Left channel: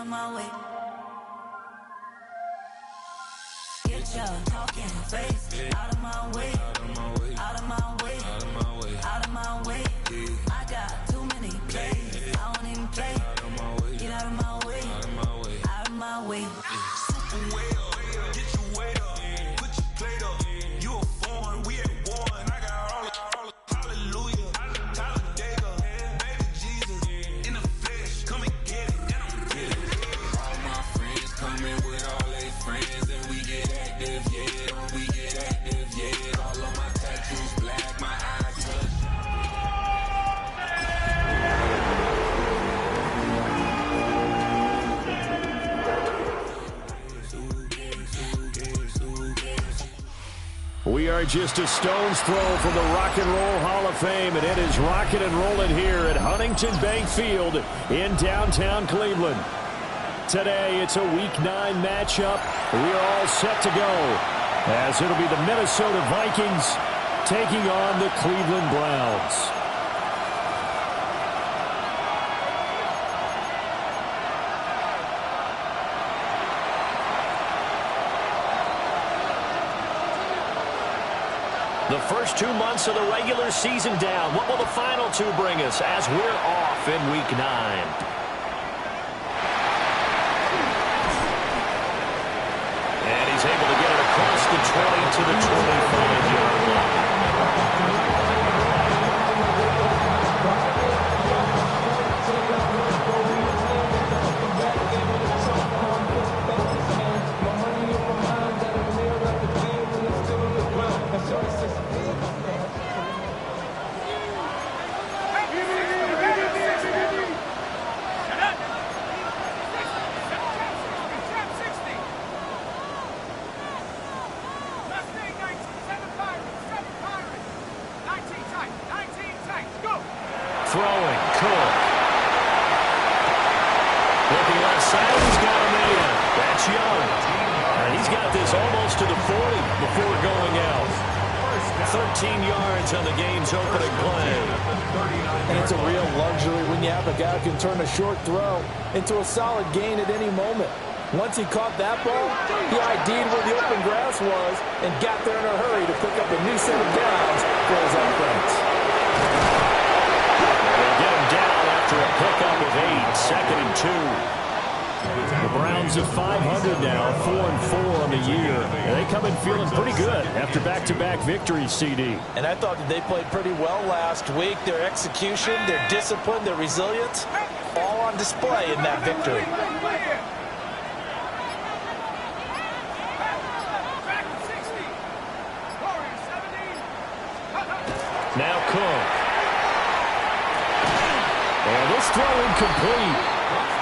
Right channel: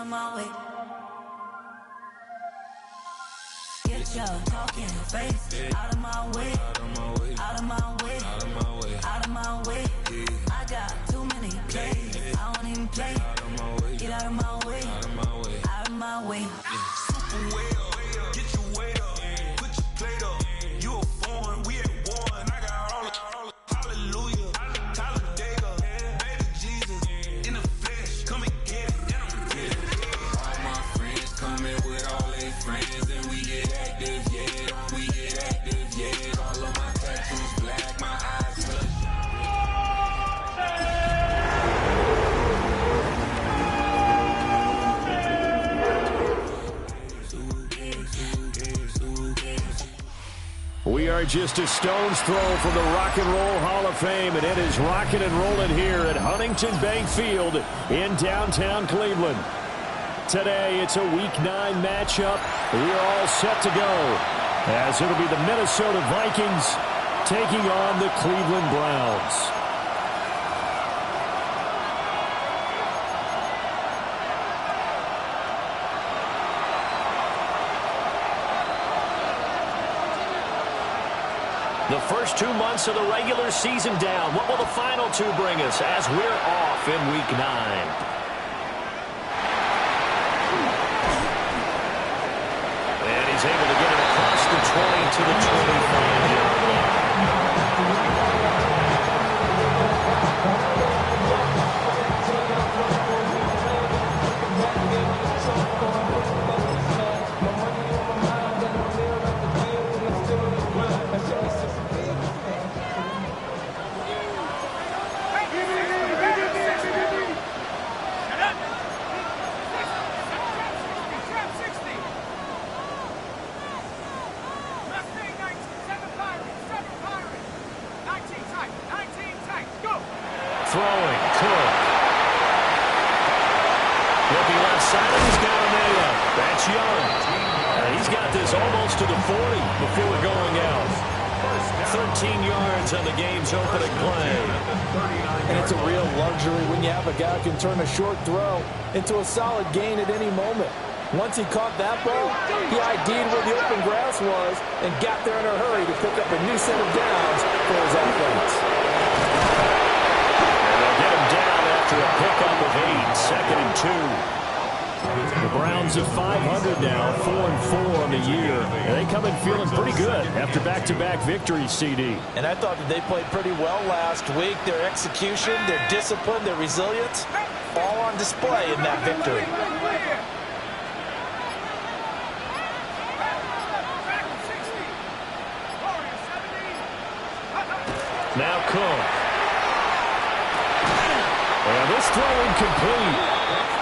of my way. Get your talking face out of my way. Out of my way. Out of my way. Out of my way. Out of my way. I got too many plays. I don't even play. Out of my way. Get out of my way. Out of my way. Out of my way. Super way up. Get your weight up. Put your plate up. You a foreign. We at war. And I got all the hallelujah. Talladega. Baby Jesus. In the flesh. Come and get it. And I'm get it. All my friends coming with all their friends. And we get active, yeah. We get active, yeah. All of my tattoos black. My eyes bloodshot. We are just a stone's throw from the Rock and Roll Hall of Fame, and it is rocking and rolling here at Huntington Bank Field in downtown Cleveland. Today, it's a Week 9 matchup. We are all set to go, as it'll be the Minnesota Vikings taking on the Cleveland Browns. The first 2 months of the regular season down. What will the final two bring us as we're off in Week 9? And he's able to get it across the 20 to the 25-yard line. Throwing, Cook. Looking left side, and he's got a man. That's Young. And he's got this almost to the 40 before going out. 13 yards on the game's opening play. And it's a real luxury when you have a guy who can turn a short throw into a solid gain at any moment. Once he caught that ball, he ID'd where the open grass was and got there in a hurry to pick up a new set of downs for his offense. Get him down after a pickup of 8, 2nd and 2. The Browns at 500 now, 4-4 on the year. And they come in feeling pretty good after back-to-back victories, CD. And I thought that they played pretty well last week. Their execution, their discipline, their resilience, all on display in that victory. Now Cook. And this throw incomplete.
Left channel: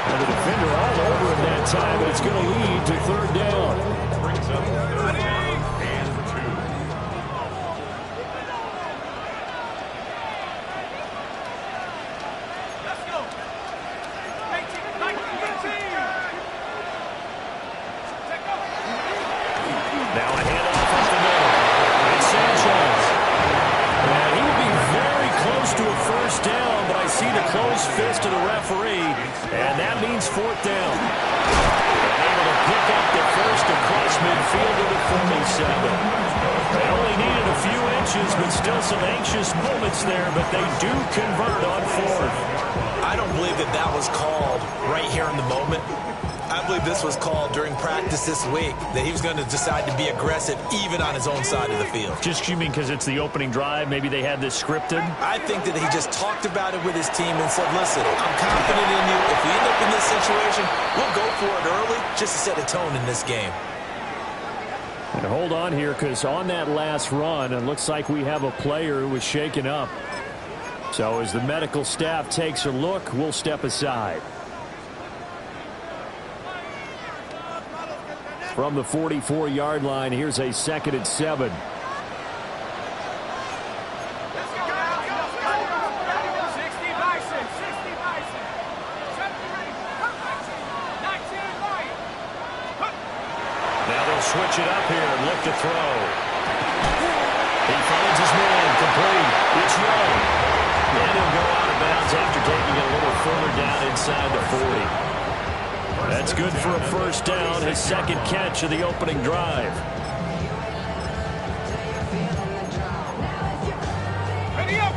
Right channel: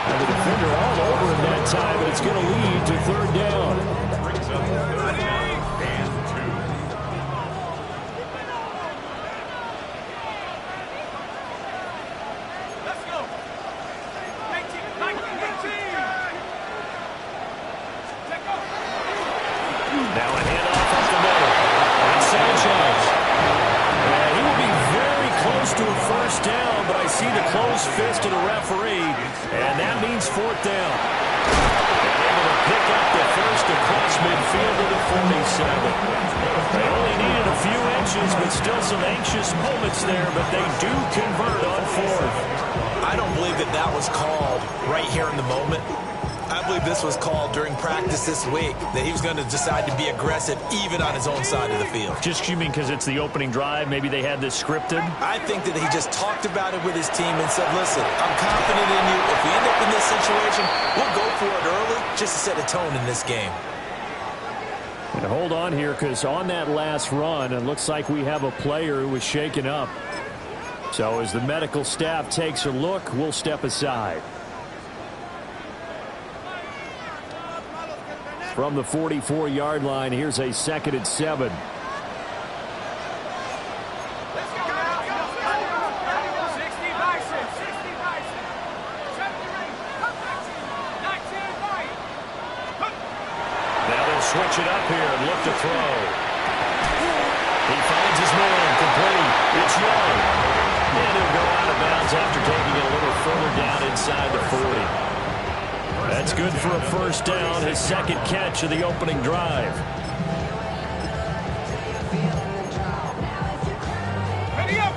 And the defender all over him that time, but it's going to lead to 3rd down. Brings up 3rd and 2. Let's go. 19. Now a handoff up the middle. It's Sanchez. And he will be very close to a 1st down, but I see the closed fist of the referee, and that means 4th down. And able to pick up the first across midfield to the 47. They only needed a few inches, but still some anxious moments there, but they do convert on 4th. I don't believe that that was called right here in the moment. I believe this was called during practice this week, that he was going to decide to be aggressive even on his own side of the field. Just you mean because it's the opening drive? Maybe they had this scripted? I think that he just talked about it with his team and said, listen, I'm confident in you. If we end up in this situation, we'll go for it early just to set a tone in this game. And hold on here, because on that last run, it looks like we have a player who was shaken up. So as the medical staff takes a look, we'll step aside. From the 44-yard line, here's a 2nd and 7. Now they'll switch it up here and look to throw. He finds his man, complete. It's Young. And he'll go out of bounds after taking it a little further down inside the 40. That's good for a first down, his second catch of the opening drive. Ready up!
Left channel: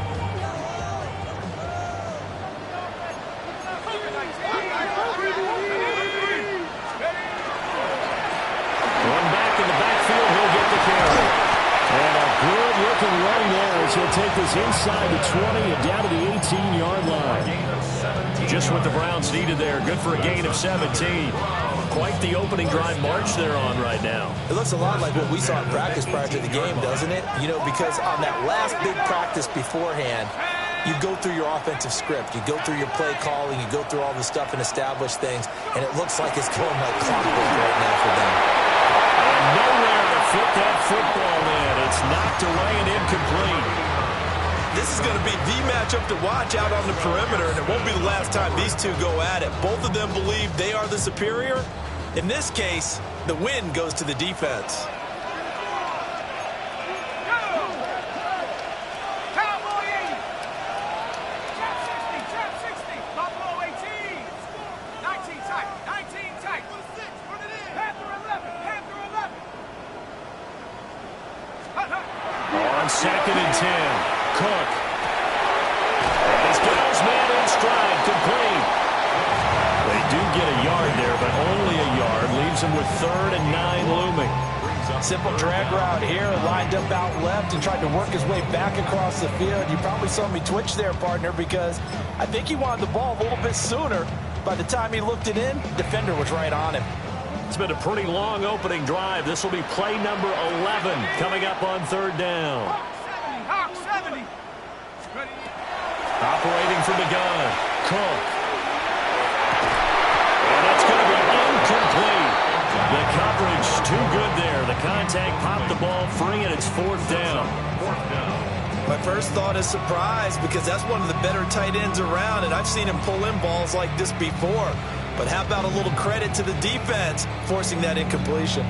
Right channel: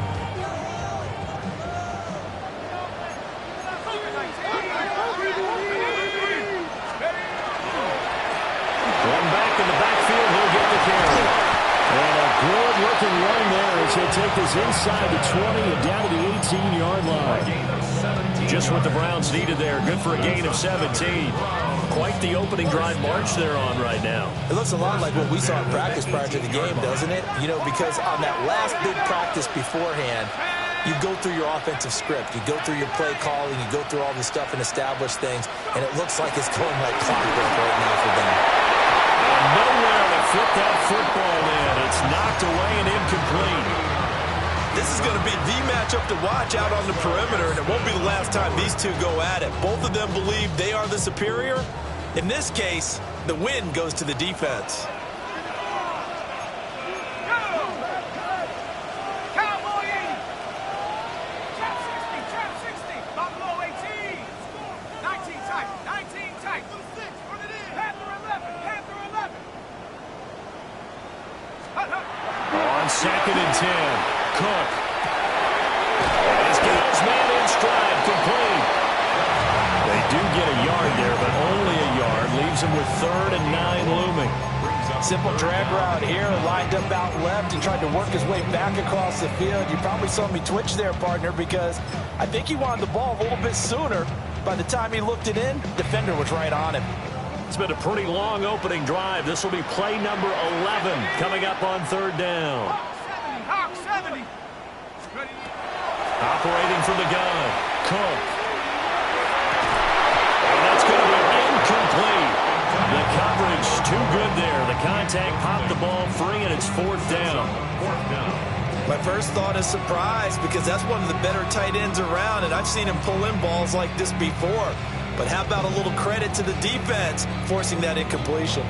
One back in the backfield, he'll get the carry. And a good-looking run there as he'll take this inside the 20 and down to the 18-yard line. Just what the Browns needed there. Good for a gain of 17. Quite the opening drive march they're on right now. It looks a lot like what we saw in practice prior to the game, doesn't it? You know, because on that last big practice beforehand, you go through your offensive script. You go through your play calling. You go through all the stuff and establish things. And it looks like it's going like clockwork right now for them. And nowhere to fit that football in. It's knocked away and incomplete. This is going to be the matchup to watch out on the perimeter, and it won't be the last time these two go at it. Both of them believe they are the superior. In this case, the win goes to the defense. On 2nd and 10, Cook. And he's got his man in stride, complete. They do get a yard there, but only a yard. Leaves him with 3rd and 9 looming. Simple drag route here, lined up out left and tried to work his way back across the field. You probably saw me twitch there, partner, because I think he wanted the ball a little bit sooner. By the time he looked it in, defender was right on him. It's been a pretty long opening drive. This will be play number 11 coming up on 3rd down. Hawk 70. Ready. Operating from the gun, Cook. And that's going to be incomplete. The coverage too good there. The contact popped the ball free, and it's 4th down. My first thought is surprise, because that's one of the better tight ends around, and I've seen him pull in balls like this before. But how about a little credit to the defense forcing that incompletion?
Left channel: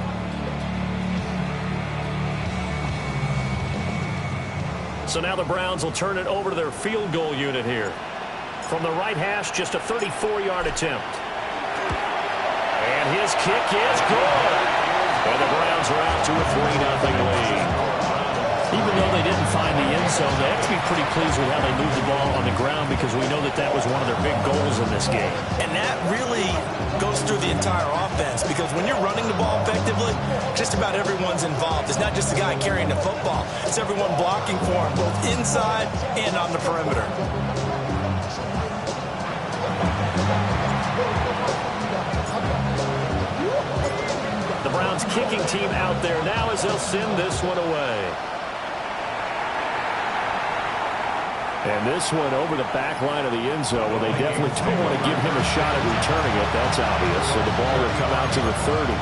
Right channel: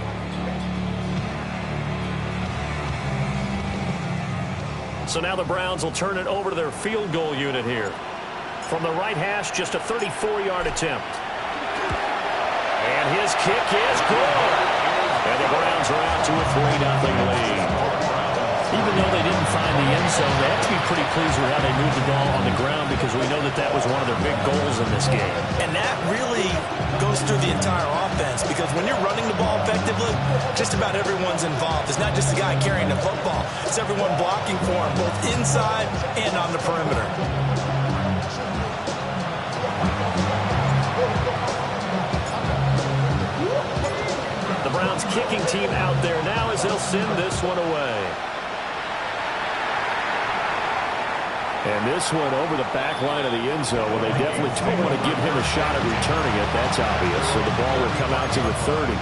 So now the Browns will turn it over to their field goal unit here. From the right hash, just a 34-yard attempt. And his kick is good. And the Browns are out to a 3-0 lead. Even though they didn't find the end zone, they have to be pretty pleased with how they moved the ball on the ground, because we know that that was one of their big goals in this game. And that really goes through the entire offense, because when you're running the ball effectively, just about everyone's involved. It's not just the guy carrying the football. It's everyone blocking for him, both inside and on the perimeter. The Browns kicking team out there now as they'll send this one away. And this one over the back line of the end zone. Well, they definitely don't want to give him a shot at returning it. That's obvious. So the ball will come out to the 30.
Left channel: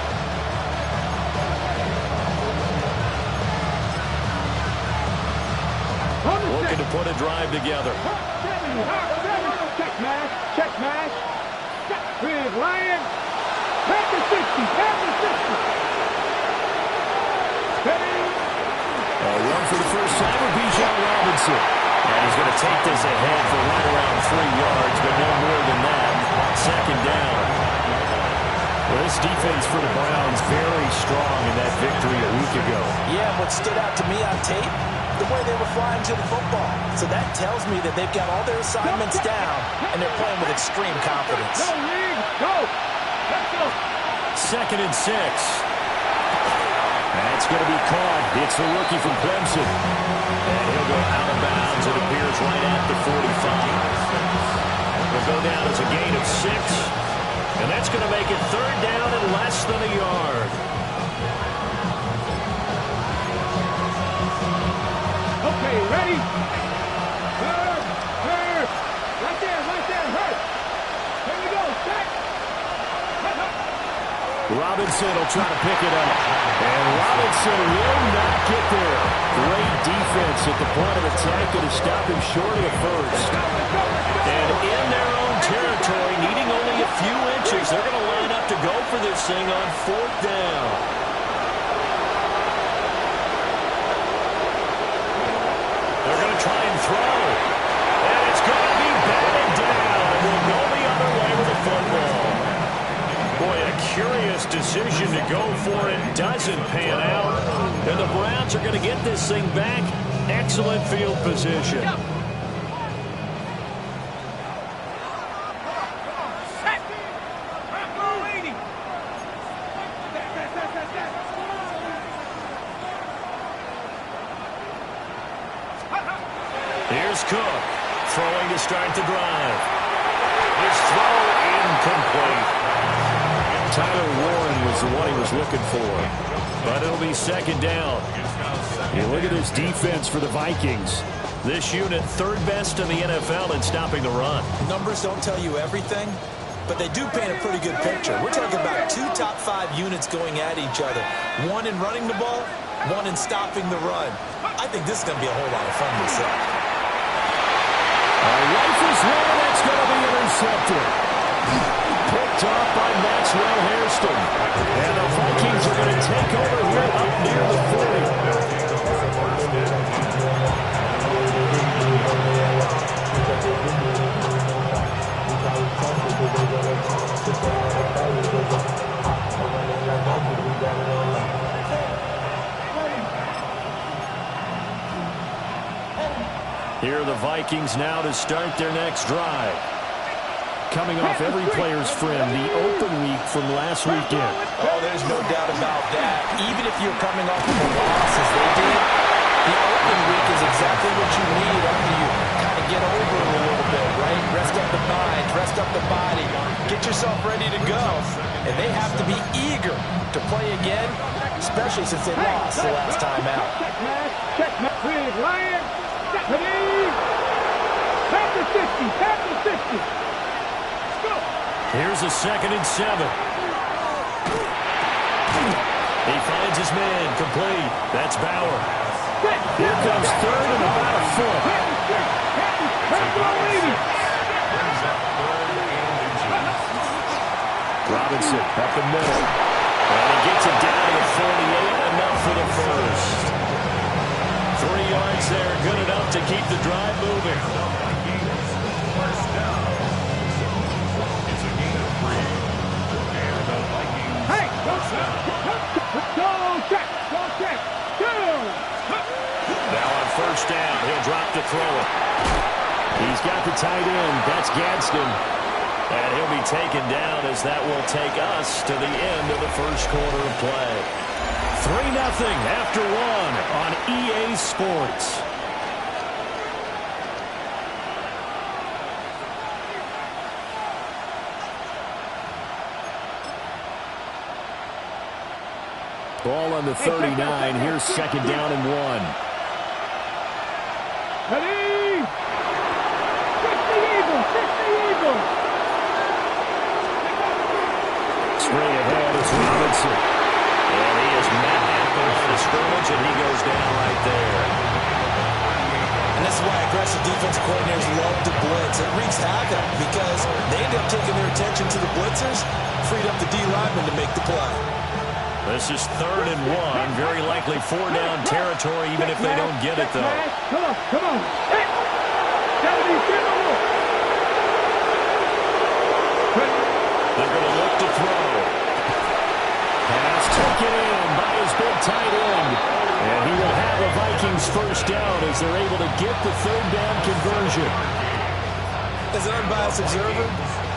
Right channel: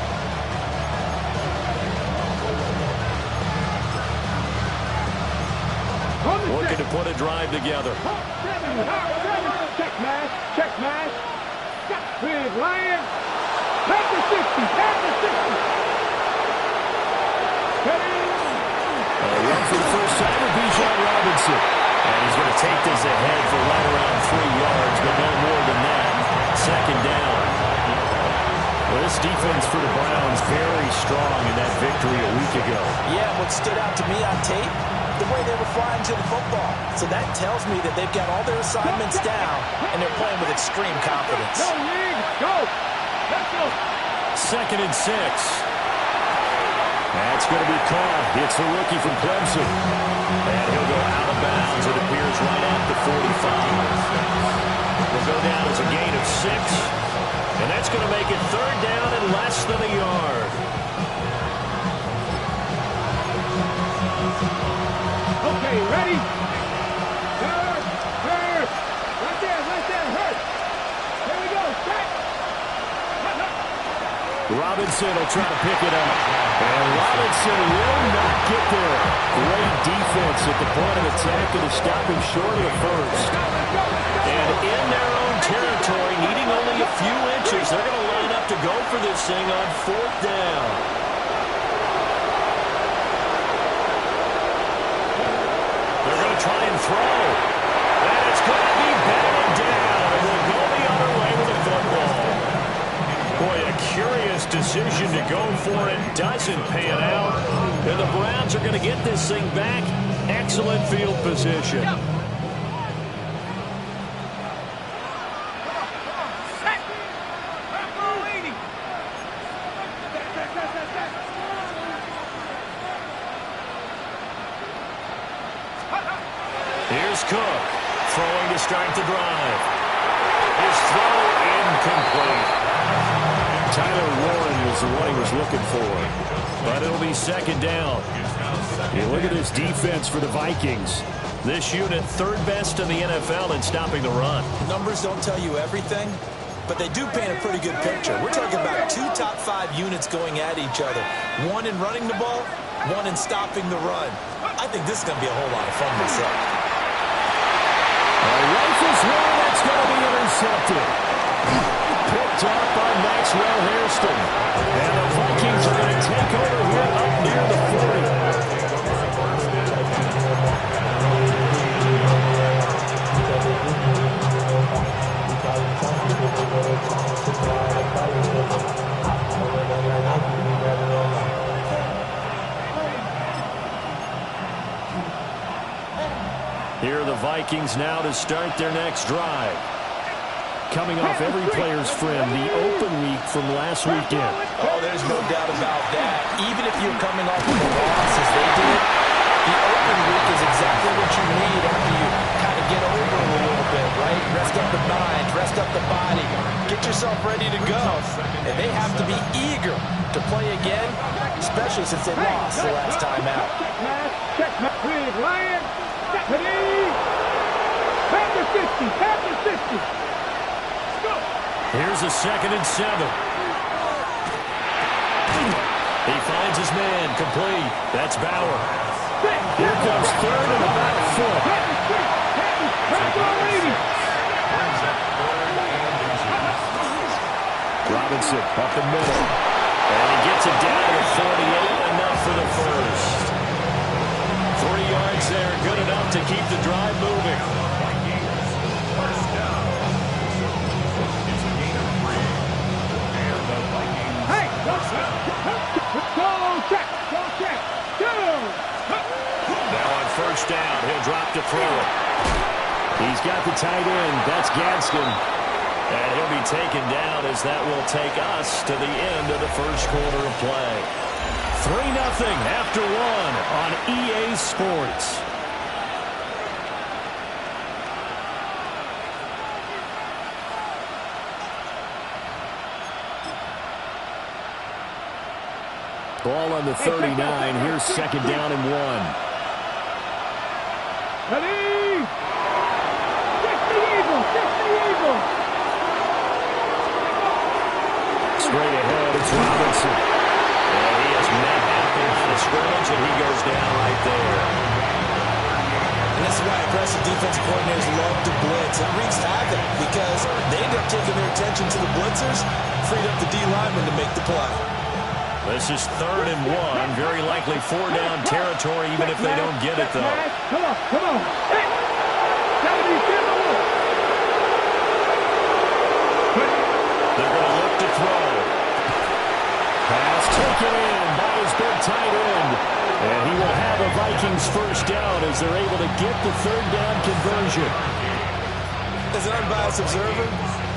Looking to put a drive together. Check mash. Check mash. Big Lion. Back to 60. Back to 60. Ready. A run for the first time with Bijan Robinson. And he's going to take this ahead for right around 3 yards, but no more than that. 2nd down. Well, this defense for the Browns very strong in that victory a week ago. Yeah, what stood out to me on tape, the way they were flying to the football. So that tells me that they've got all their assignments down, and they're playing with extreme confidence. Go, League. Go. Let's go. 2nd and 6. That's going to be caught. It's the rookie from Clemson. And he'll go out of bounds. It appears right at the 45. Will go down as a gain of 6. And that's going to make it 3rd down and less than a yard. Okay, ready? Hurt. Right there, hurt. Here we go, set. Robinson will try to pick it up. And Robinson will not get there. Great defense at the point of attack to stop him short of the first. And in their own territory, needing only a few inches, they're going to line up to go for this thing on 4th down. They're going to try and throw. And it's going to be batted down. And we'll go the other way with the football. Boy, a curious decision to go for it. Doesn't pan out. And the Browns are going to get this thing back. Excellent field position. Here's Cook, throwing to start the drive. His throw incomplete. Tyler Warren was the one he was looking for, but it'll be second down. You look at this defense for the Vikings. This unit, third best in the NFL in stopping the run. Numbers don't tell you everything, but they do paint a pretty good picture. We're talking about 2 top 5 units going at each other. One in running the ball, one in stopping the run. I think this is going to be a whole lot of fun myself. Rifles one, that's going to be intercepted. Picked off by Maxwell Hairston. And the Vikings are going to take over here up near the 40. Here are the Vikings now to start their next drive. Coming off every player's friend, the open week from last weekend. Oh, there's no doubt about that. Even if you're coming off of a loss as they did, the open week is exactly what you need after you kind of get over it a little bit, right? Rest up the mind, rest up the body, get yourself ready to go. And they have to be eager to play again, especially since they lost the last time out. Check match, please, Lions. Stephanie. Tap the 60, tap the 60. Here's a 2nd and 7. He finds his man, complete. That's Bauer. Here comes 3rd and about a foot. Robinson up the middle. And he gets it down to the 48, enough for the first. 3 yards there, good enough to keep the drive moving. First down. It's a gain of 3. And the Vikings. Hey, go check, go. Now on first down, he'll drop to throw it. He's got the tight end. That's Gadsden. And he'll be taken down as that will take us to the end of the first quarter of play. 3-0 after 1 on EA Sports. Ball on the 39. Here's 2nd down and 1. Ready? 60 Eagles. Straight ahead, it's Robinson. And he has met at the line of scrimmage, and he goes down right there. And this is why aggressive defensive coordinators love to blitz. It wreaks havoc because they end up taking their attention to the blitzers, freed up the D linemen to make the play. This is 3rd and 1. Very likely 4-down territory, even if they don't get it, though. Come on. Hey. 70, they're going to look to throw. Pass taken in by his big tight end. And he will have a Vikings first down as they're able to get the 3rd down conversion. As an unbiased observer,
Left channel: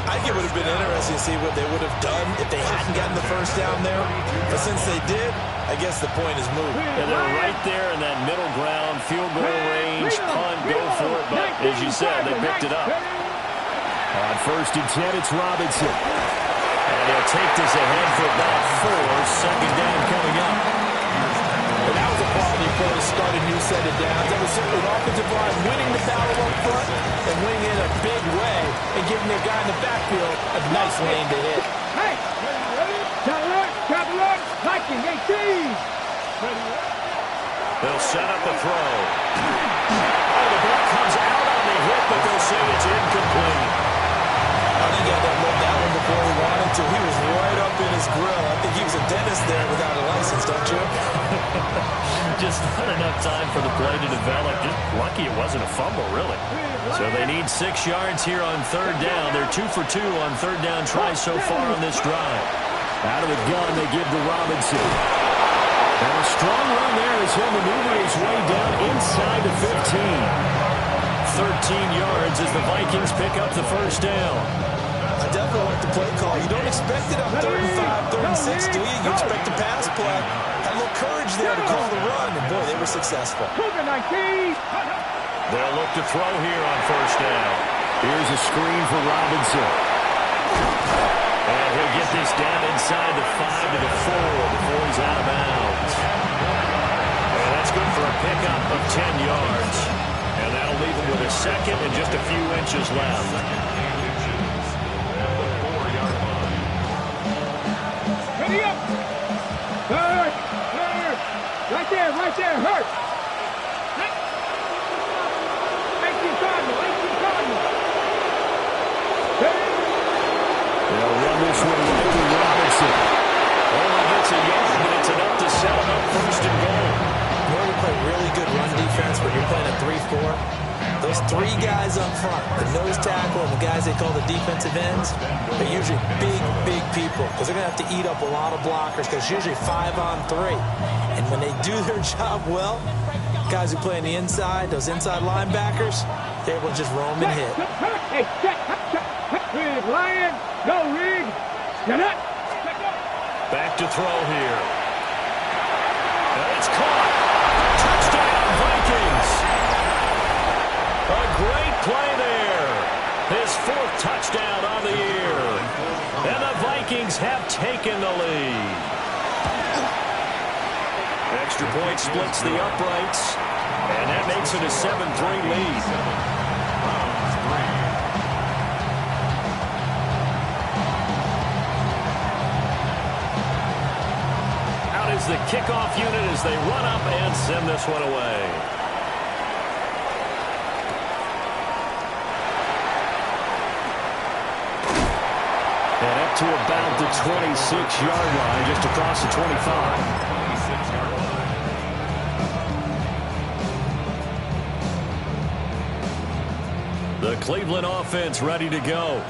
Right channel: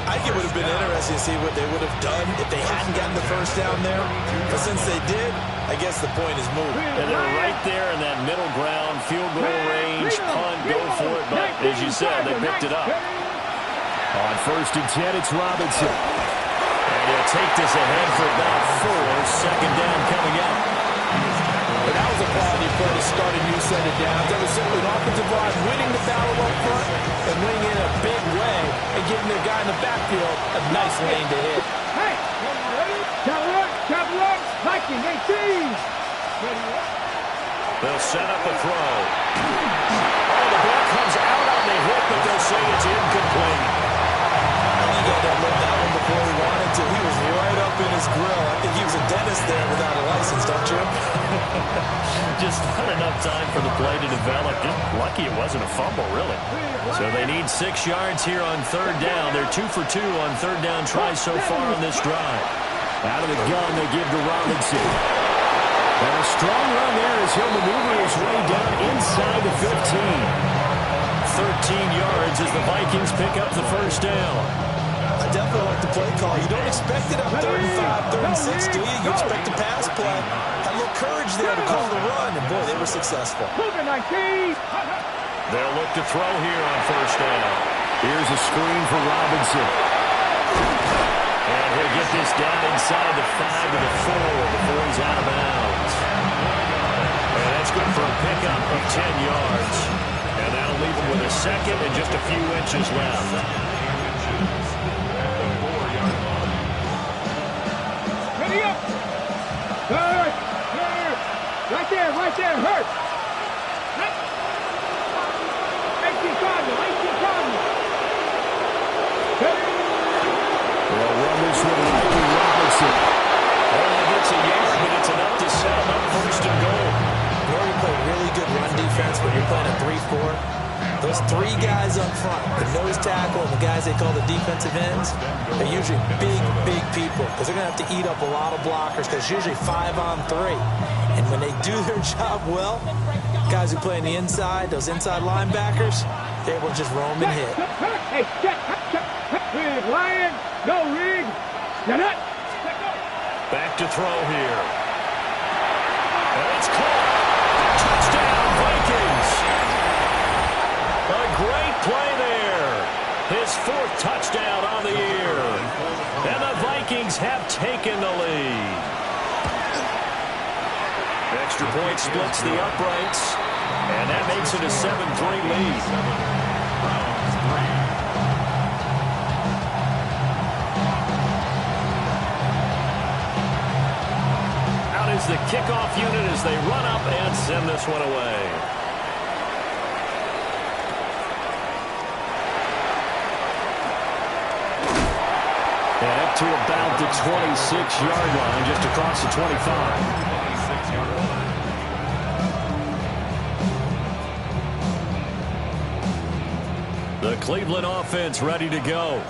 I think it would have been interesting to see what they would have done if they hadn't gotten the first down there. But since they did, I guess the point is moved. And they're right there in that middle ground, field goal range, punt, go for it. But as you said, they picked it up. On 1st and 10, it's Robinson. And he'll take this ahead for about 4. 2nd down coming up. But that was a quality play to start a new set of downs. That was simply an offensive line winning the battle up front and winning in a big way and giving their guy in the backfield a nice lane to hit. Hey, ready? Travel up, Viking 18. They'll set up a throw. Oh, the ball comes out on the hit, but they'll say it's incomplete. I think he had that look that one before he wanted to. He was right up in his grill. I think he was a dentist there without a license, don't you? Just not enough time for the play to develop. Just lucky it wasn't a fumble, really. So they need 6 yards here on third down. They're 2 for 2 on third down tries so far on this drive. Out of the gun, they give to Robinson. And a strong run there as he'll maneuver his way down inside the 15. 13 yards as the Vikings pick up the first down. I definitely like the play call. You don't expect it on 3rd and 5, 3rd and 6, do you? You expect a pass play. Had a little courage there to call the run, and boy, they were successful. They'll look to throw here on first down. Here's a screen for Robinson. And he'll get this down inside the 5 to the 4 before he's out of bounds. And that's good for a pickup of 10 yards. And that'll leave him with a second and just a few inches left. Ready up. Hurt. Right there, hurt. 18 Cardinal. They'll run this one right with Robinson. Only gets a yard, but it's enough to set him up first and goal. You know, you play really good run defense when you're playing a 3-4. Those 3 guys up front, the nose tackle and the guys they call the defensive ends, they're usually big people because they're going to have to eat up a lot of blockers because it's usually 5 on 3. And when they do their job well, guys who play on the inside, those inside linebackers, they're able to just roam and hit. Hey, Rig, Lion, no Rig. Back to throw here. And it's caught. Touchdown, Vikings. A great play there. His 4th touchdown on the year. And the Vikings have taken the lead. Extra point splits the uprights. And that makes it a 7-3 lead. Out is the kickoff unit as they run up and send this one away. And up to about the 26-yard line, just across the 25. 26-yard line. The Cleveland offense ready to go.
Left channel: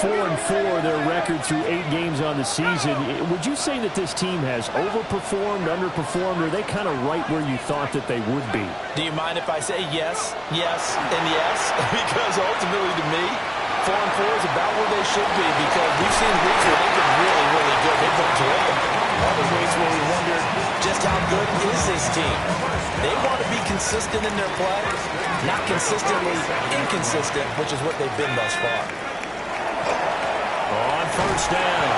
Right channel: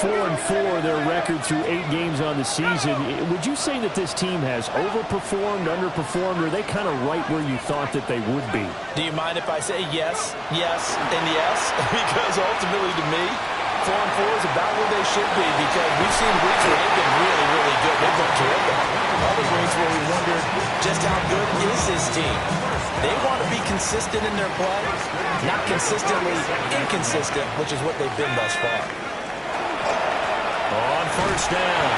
4-4, their record through 8 games on the season. Would you say that this team has overperformed, underperformed, or are they kind of right where you thought that they would be? Do you mind if I say yes, and yes? Because ultimately to me, 4-4 is about where they should be because we've seen weeks where they've been really good. They've been terrific. Other weeks where we wondered just how good is this team. They want to be consistent in their play, not consistently inconsistent, which is what they've been thus far. On first down,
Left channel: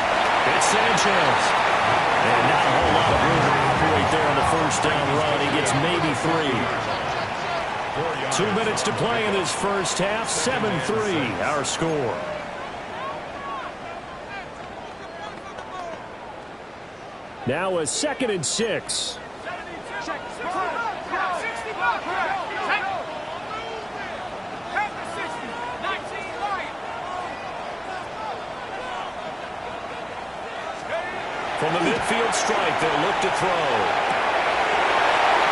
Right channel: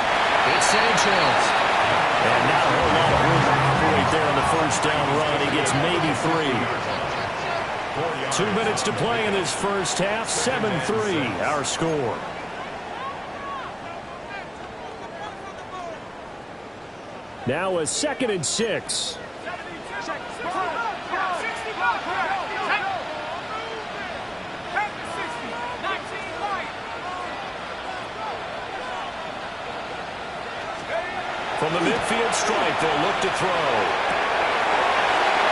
it's Sanchez. And not a whole lot of room to operate there on the first down run. He gets maybe 3. 2 minutes to play in this first half. 7-3, our score. Now a 2nd and 6. From the midfield stripe, they'll look to throw.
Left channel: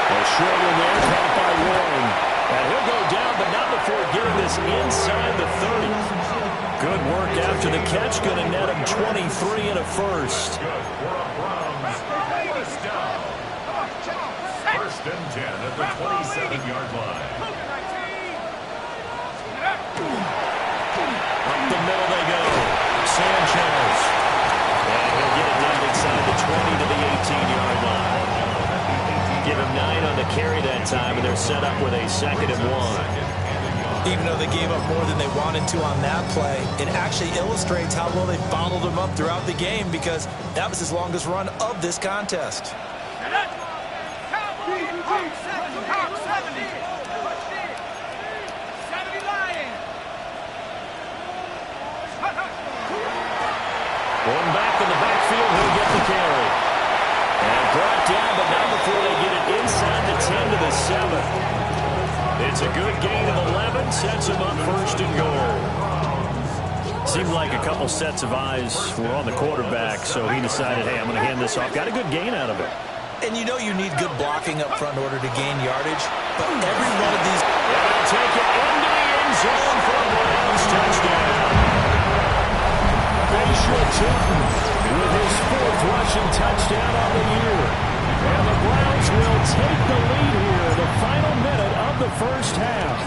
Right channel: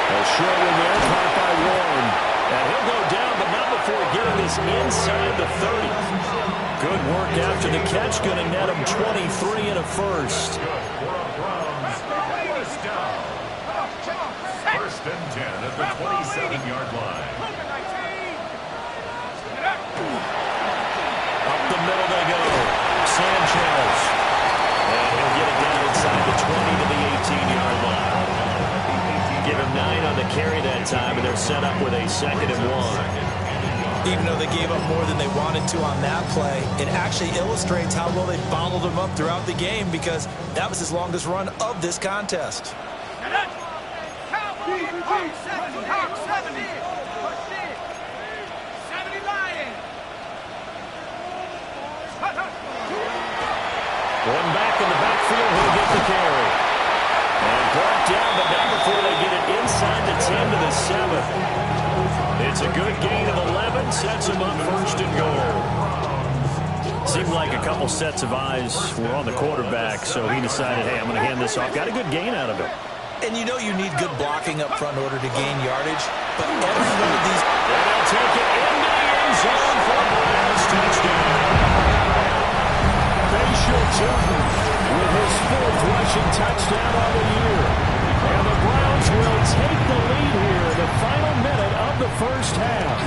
A short one there, caught by Warren. And he'll go down, but not before getting this inside the 30. Good work after the catch. Going to net him 23 and a first. Good for a Browns first down. First and 10 at the 27-yard line. Up the middle they go. Sanchez. And he'll get it down inside the 20 to the 18-yard line. Give him 9 on the carry that time, and they're set up with a 2nd and 1. Even though they gave up more than they wanted to on that play, it actually illustrates how well they bottled him up throughout the game because that was his longest run of this contest. One back in the backfield, he'll get the carry. And brought down, but not before they get it inside the 10 to the 7. It's a good gain of 11, sets him up first and goal. Seemed like a couple sets of eyes were on the quarterback, so he decided, hey, I'm going to hand this off. Got a good gain out of it. And you know you need good blocking up front in order to gain yardage, but every one of these... And they'll take it into the end zone for a Browns touchdown. Facial Tootin with his 4th rushing touchdown on the year. And the Browns will take the lead here in the final minute of the first half.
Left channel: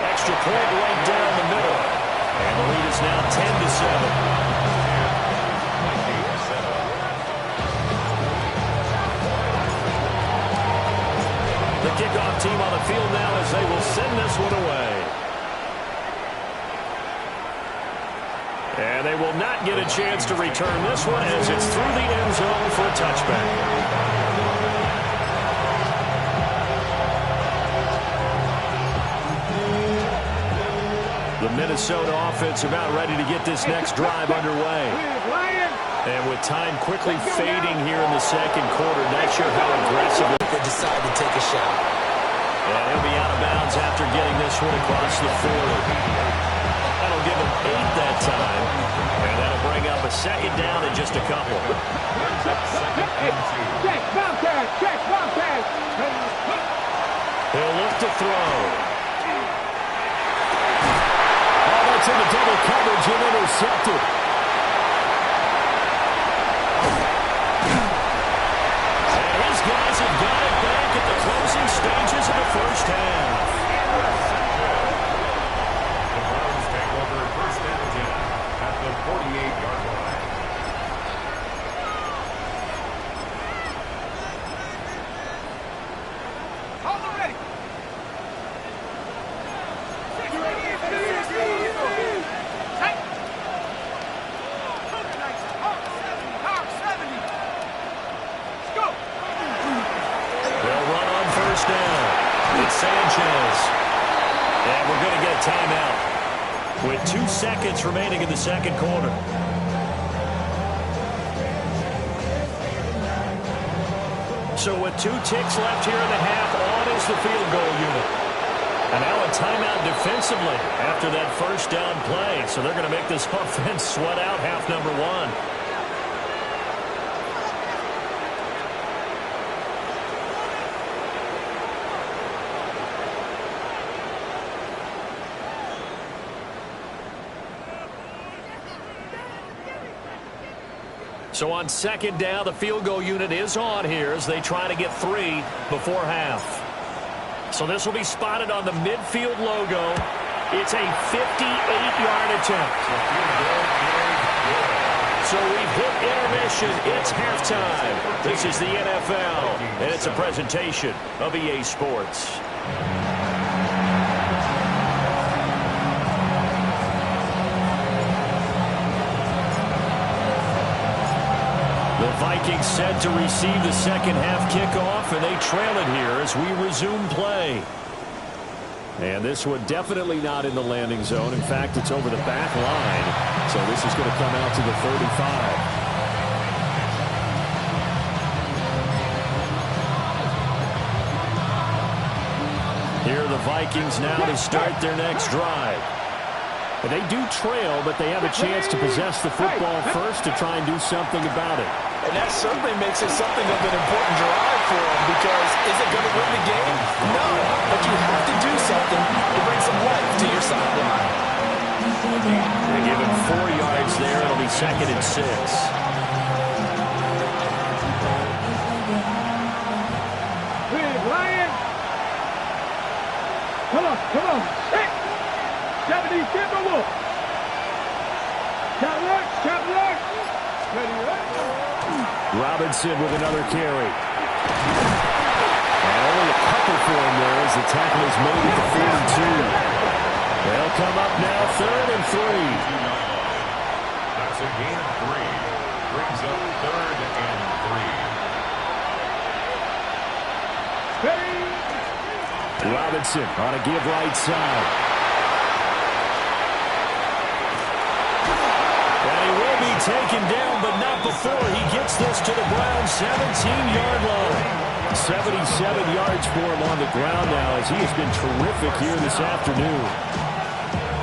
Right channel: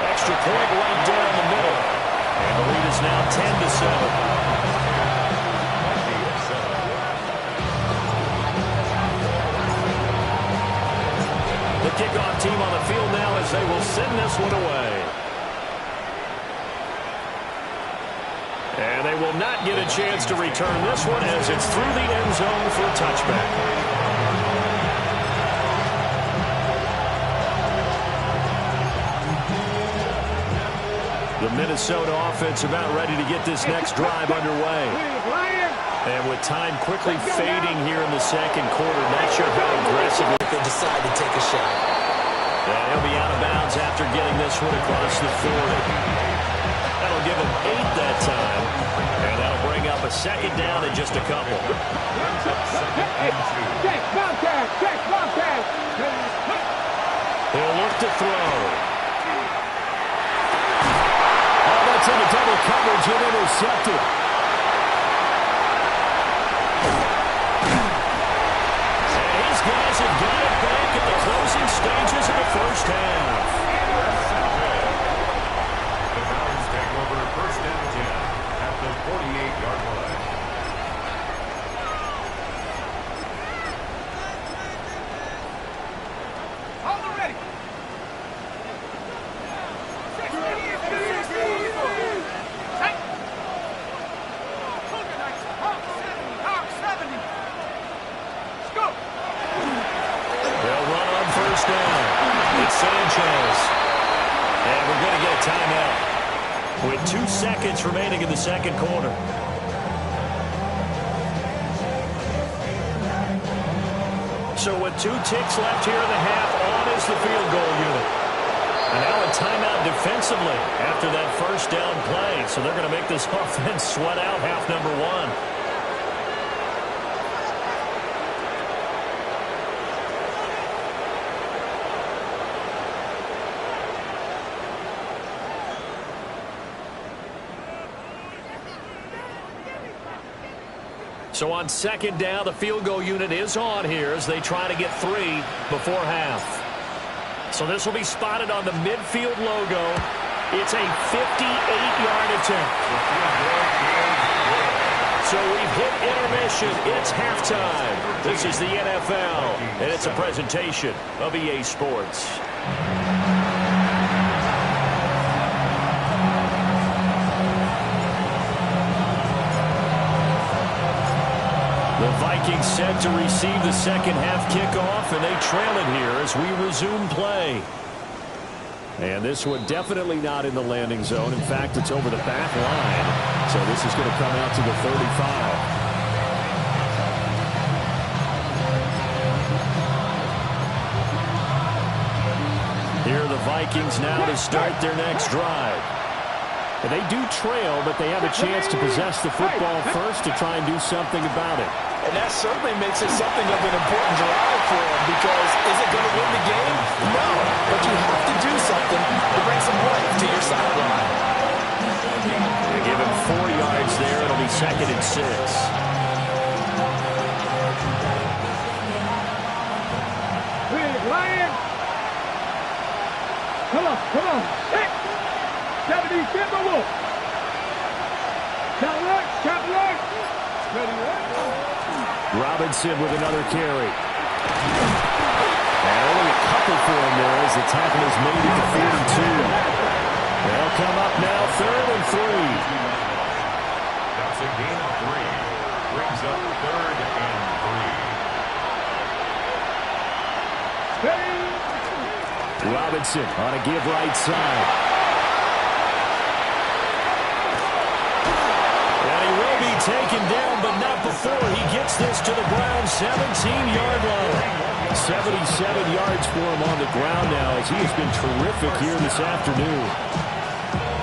Extra point right down the middle. And the lead is now 10-7. The kickoff team on the field now as they will send this one away. And they will not get a chance to return this one as it's through the end zone for a touchback. The Minnesota offense about ready to get this next drive underway. And with time quickly fading here in the second quarter, not sure how aggressively they decide to take a shot. And he'll be out of bounds after getting this one across the 40. That'll give him 8 that time. And that'll bring up a second down in just a couple. Check, Bobcat, check, Bobcat. He'll look to throw. Oh, that's into double coverage and intercepted. And his guys have got it back at the closing stages of the first half. The Browns take over 1st and 10 at the 48-yard line. Hold the ready. They'll run on first down. It's Sanchez. And we're going to get a timeout with 2 seconds remaining in the second quarter. So with 2 ticks left here in the half, on is the field goal unit. And now a timeout defensively after that first down play. So they're going to make this offense sweat out half number 1. So on second down, the field goal unit is on here as they try to get 3 before half. So this will be spotted on the midfield logo. It's a 58-yard attempt. So we've hit intermission. It's halftime. This is the NFL, and it's a presentation of EA Sports. The Vikings set to receive the second half kickoff, and they trail it here as we resume play. And this one definitely not in the landing zone. In fact, it's over the back line. So this is going to come out to the 35. Here are the Vikings now to start their next drive. And they do trail, but they have a chance to possess the football first to try and do something about it. And that certainly makes it something of an important drive for them, because is it going to win the game? No, but you have to do something to bring some life to your sideline. They give him 4 yards there. It'll be 2nd and 6. Big Lion. Come on, come on. 70 Timberwolf. Chop alert. Ready, Robinson with another carry. And only a couple for him there as the tackle is made at the 42. They'll come up now 3rd and 3. That's a gain of 3. Brings up 3rd and 3. Robinson on a give right side. And he will be taken down, but not before he gets this to the Browns' 17-yard line. 77 yards for him on the ground now as he has been terrific here this afternoon.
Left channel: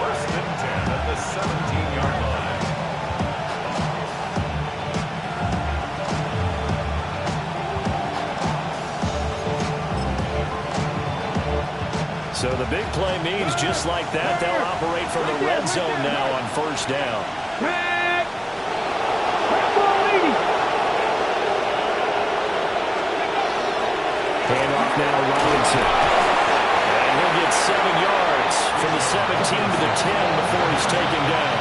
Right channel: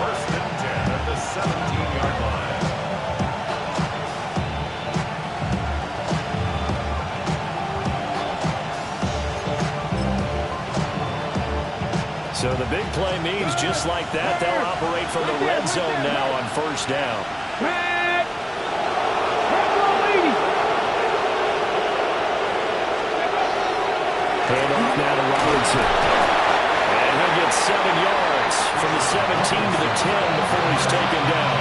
1st and 10 at the 17-yard line. So the big play means just like that, they'll operate from the red zone now on first down. Red ball 80. Hand off now to Robinson. And he'll get 7 yards from the 17 to the 10 before he's taken down.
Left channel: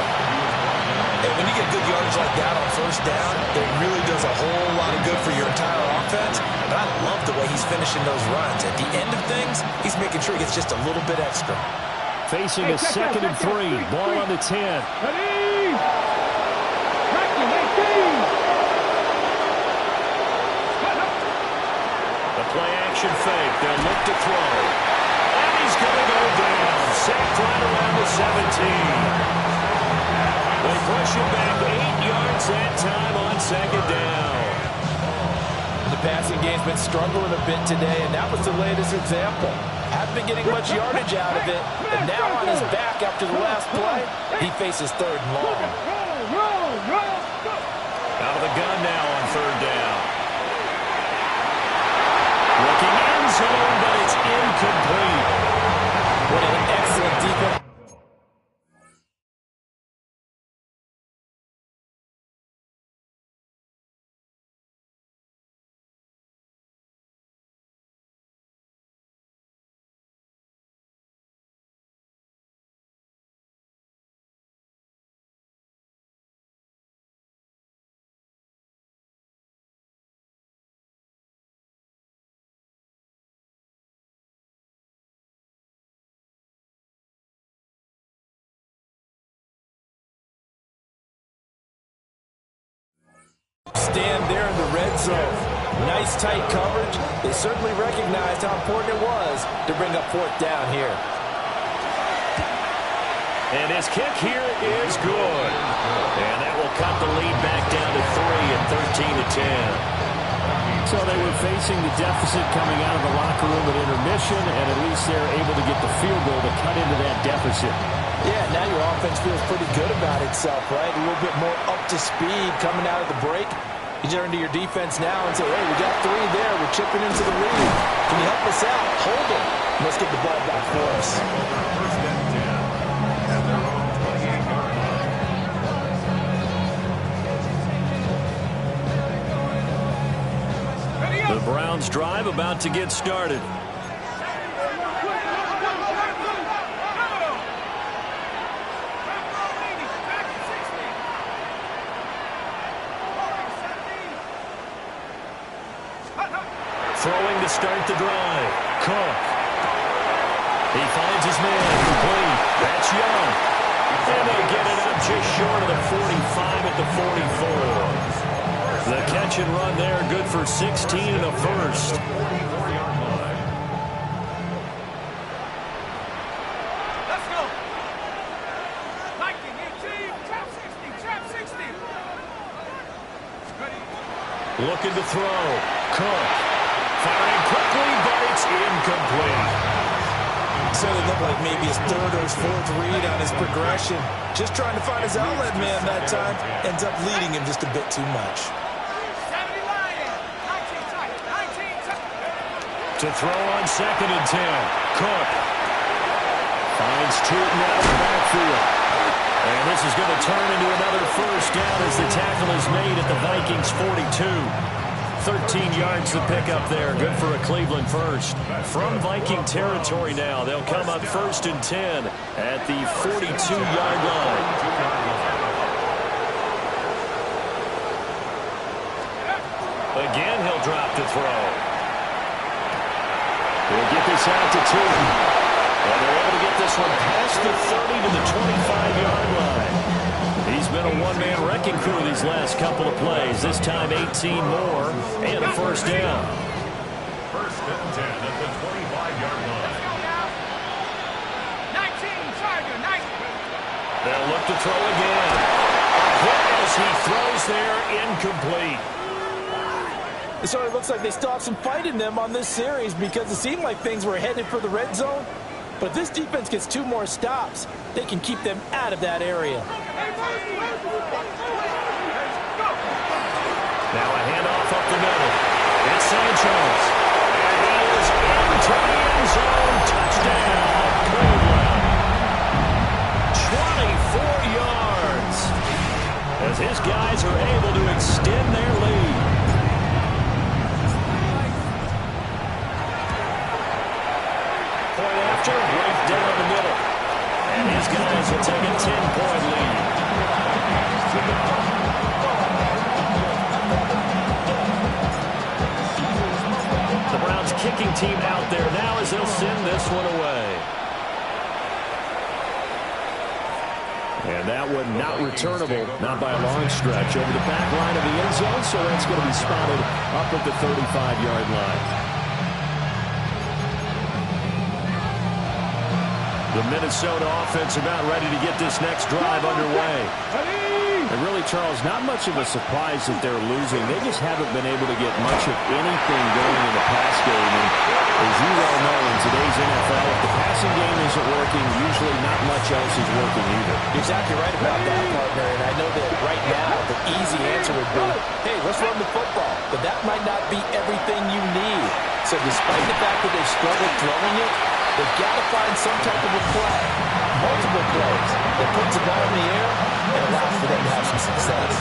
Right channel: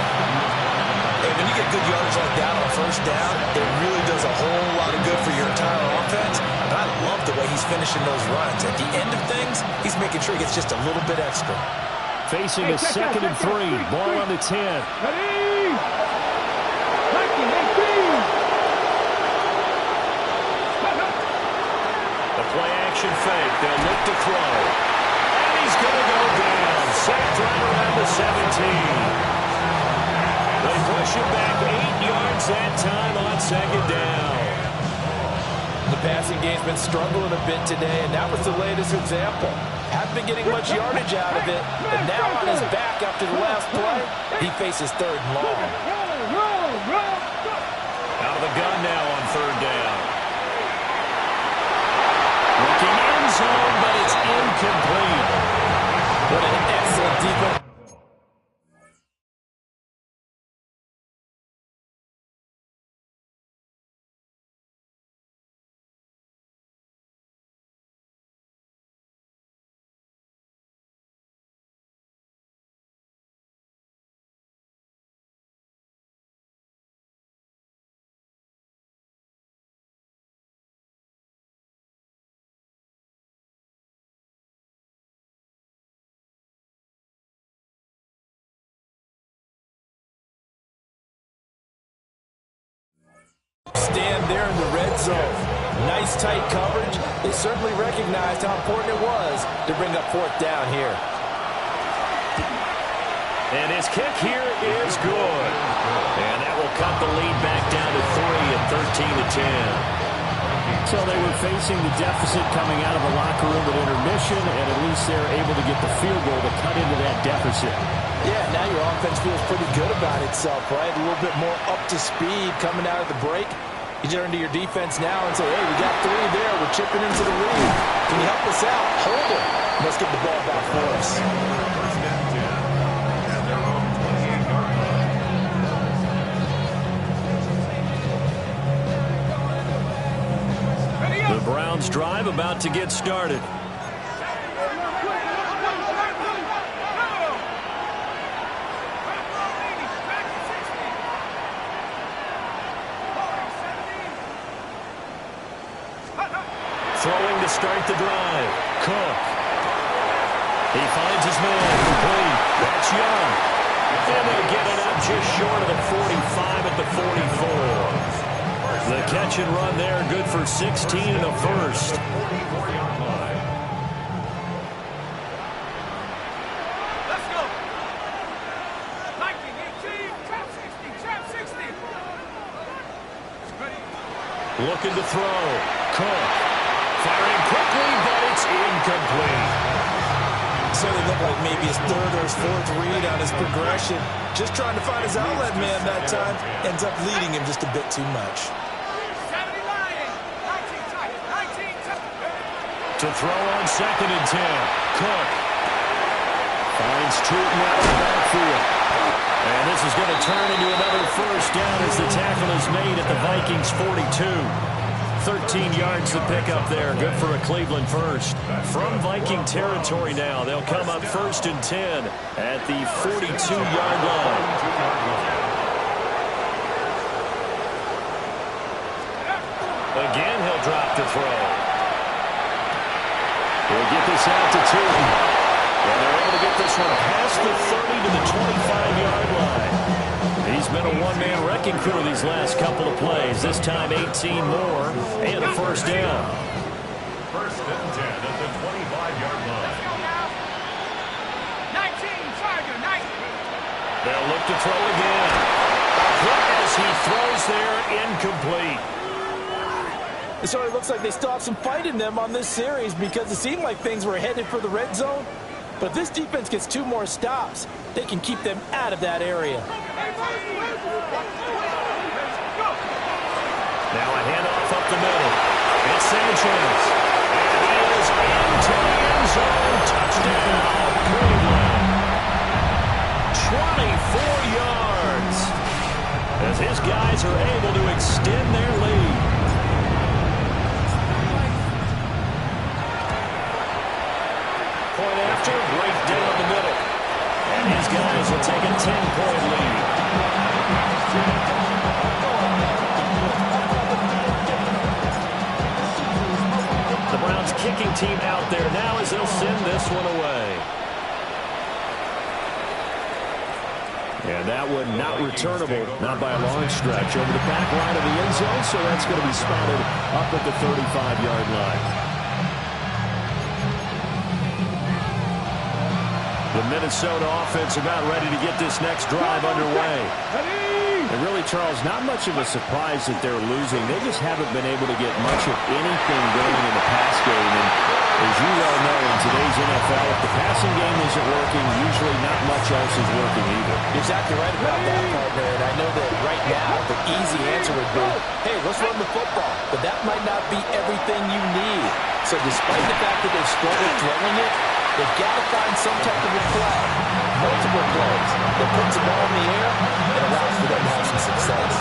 Hey, when you get good yardage like that on first down, it really does a whole lot of good for your entire offense. But I love the way he's finishing those runs. At the end of things, he's making sure he gets just a little bit extra. Facing a 2nd and 3, ball on the 10. Ready? Tracking 18. The play action fake. They'll look to throw. And he's going to go down. Sacked right around the 17. They push him back 8 yards that time on 2nd down. The passing game's been struggling a bit today, and that was the latest example. Hadn't been getting much yardage out of it, and now on his back after the last play, he faces 3rd and long. Out of the gun now on 3rd down. Looking end zone, but it's incomplete. What an excellent defense. Stand there in the red zone. Nice tight coverage. They certainly recognized how important it was to bring up 4th down here. And his kick here is good. And that will cut the lead back down to 3 at 13 to 10. So they were facing the deficit coming out of the locker room at intermission, and at least they're able to get the field goal to cut into that deficit. Yeah, now your offense feels pretty good about itself, right? A little bit more up to speed coming out of the break. You turn to your defense now and say, hey, we got 3 there. We're chipping into the lead. Can you help us out? Hold it. Let's get the ball back for us. First and 10 at their own 28-yard line. The Browns' drive about to get started. Throwing to start the drive. Cook. He finds his man. Complete. That's Young. And they get it up just short of the 45 at the 44. The catch and run there, good for 16 and a first. 44-yard line. Let's go. Lightning 18. Trap 60. Trap 60. Ready. Looking to throw. Cook. Firing quickly, but it's incomplete. So it looked like maybe his 3rd or his 4th read on his progression. Just trying to find his outlet man that time. Ends up leading him just a bit too much. 70 Lions. 19 tight. 19 tight. To throw on 2nd and 10. Cook. Finds Tootin out of the backfield. And this is going to turn into another first down as the tackle is made at the Vikings 42. 13 yards to pick up there. Good for a Cleveland first. From Viking territory now, they'll come up 1st and 10 at the 42-yard line. Again, he'll drop to throw. He'll get this out to Tootin. And they're able to get this one past the 30 to the 25-yard line. He's been a one-man wrecking crew these last couple of plays. This time 18 more and a first down. 1st and 10 at the 25-yard line. 19 Charger. 19. They'll look to throw again. A hit as he throws there, incomplete. It sort of looks like they still have some fight in them on this series because it seemed like things were headed for the red zone. But if this defense gets 2 more stops, they can keep them out of that area. Now a handoff up the middle. It's Sanchez. And he is into the end zone. Touchdown, Cleveland. 24 yards. As his guys are able to extend their lead. Point after, right down the middle. And his guys will take a 10-point lead. The Browns kicking team out there now as they'll send this one away. And that one not returnable, not by a long stretch, over the back line of the end zone, so that's going to be spotted up at the 35-yard line. The Minnesota offense about ready to get this next drive underway. And really, Charles, not much of a surprise that they're losing. They just haven't been able to get much of anything going in the pass game. And as you well know, in today's NFL, if the passing game isn't working, usually not much else is working either. You're exactly right about that, partner. And I know that right now the easy answer would be, hey, let's run the football. But that might not be everything you need. So despite the fact that they've struggled throwing it, they've got to find some type of a play, multiple plays, that puts the ball in the air and allows for them to have some success.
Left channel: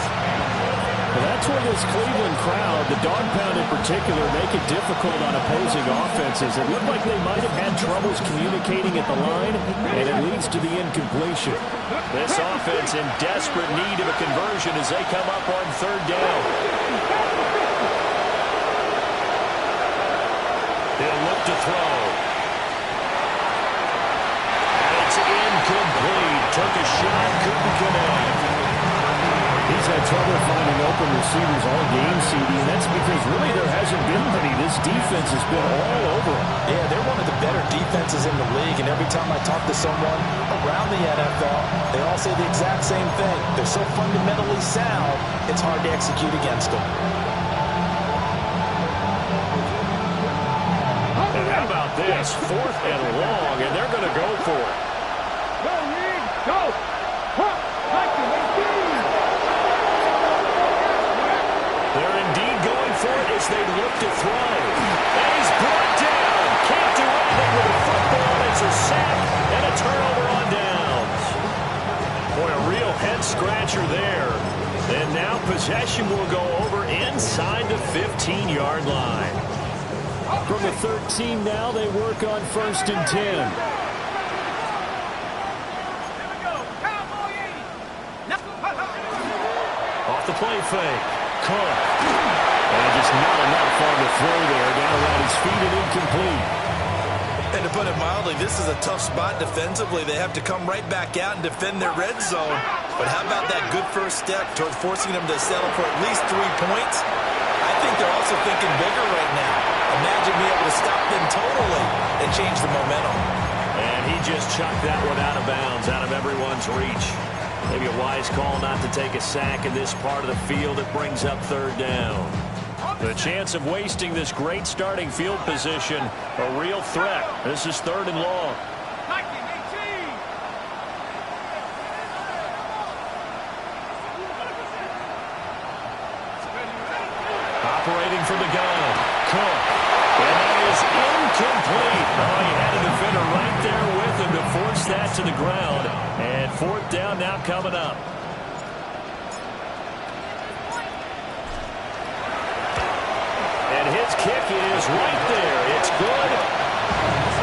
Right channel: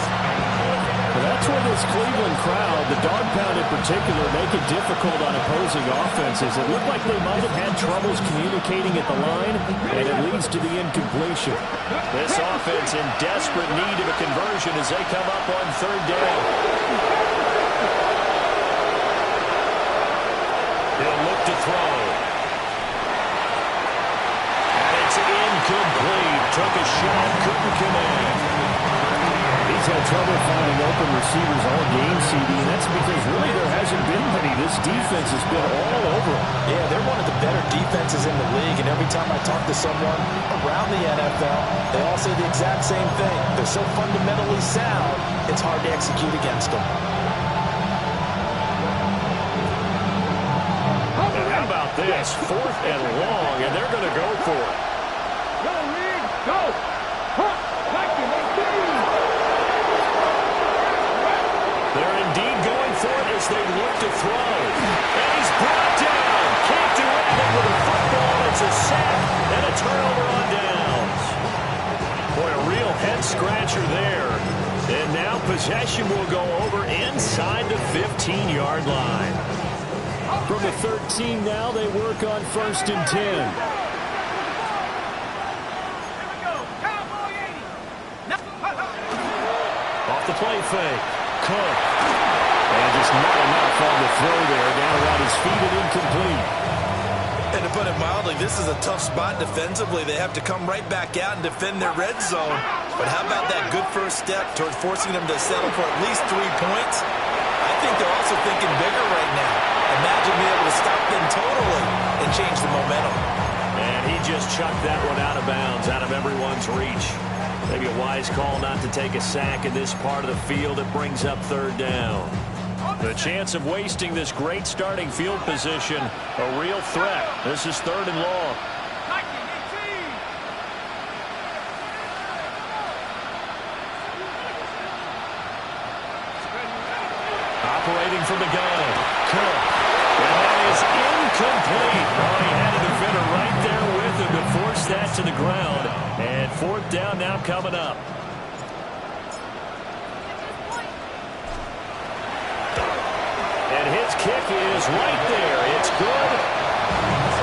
Well, that's where this Cleveland crowd, the dog pound in particular, make it difficult on opposing offenses. It looked like they might have had troubles communicating at the line, and it leads to the incompletion. This offense in desperate need of a conversion as they come up on 3rd down. He'll look to throw. It's incomplete. Took a shot, couldn't connect. He's had trouble finding open receivers all game, CD, and that's because really there hasn't been many. This defense has been all over them. Yeah, they're one of the better defenses in the league, and every time I talk to someone around the NFL, they all say the exact same thing. They're so fundamentally sound, it's hard to execute against them. And how about this? 4th and long, and they're going to go for it. Go, Reed, go! Huh! They're indeed going for it as they look to throw. And he's brought down. Can't do anything with a football. It's a sack and a turnover on downs. Boy, a real head-scratcher there. And now possession will go over inside the 15-yard line. From the 13 now, they work on 1st and 10. Off the play fake. Cook. And just not enough on the throw there. Down around his feet and incomplete. And to put it mildly, this is a tough spot defensively. They have to come right back out and defend their red zone. But how about that good first step towards forcing them to settle for at least 3 points? I think they're also thinking bigger right now. Imagine being able to stop them totally and change the momentum. And he just chucked that one out of bounds, out of everyone's reach. Maybe a wise call not to take a sack in this part of the field. It brings up 3rd down. The chance of wasting this great starting field position, a real threat. This is 3rd and long. Operating from the gun, Cook. And that is incomplete. Oh, he had a defender right there with him to force that to the ground. And 4th down now coming up. And his kick is right there. It's good.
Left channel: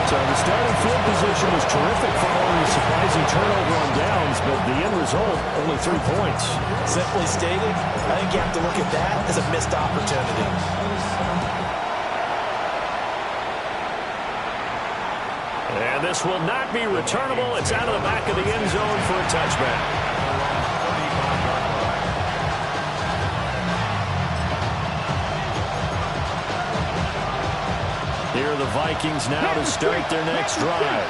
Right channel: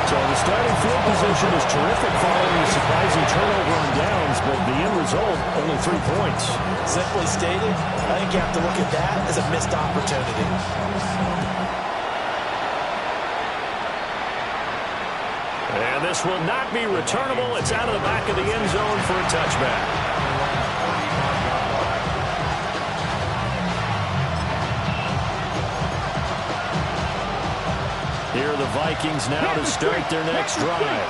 So the starting field position was terrific following a surprising turnover on downs, but the end result, only 3 points. Simply stated, I think you have to look at that as a missed opportunity. And this will not be returnable. It's out of the back of the end zone for a touchback. Here are the Vikings now to start their next drive.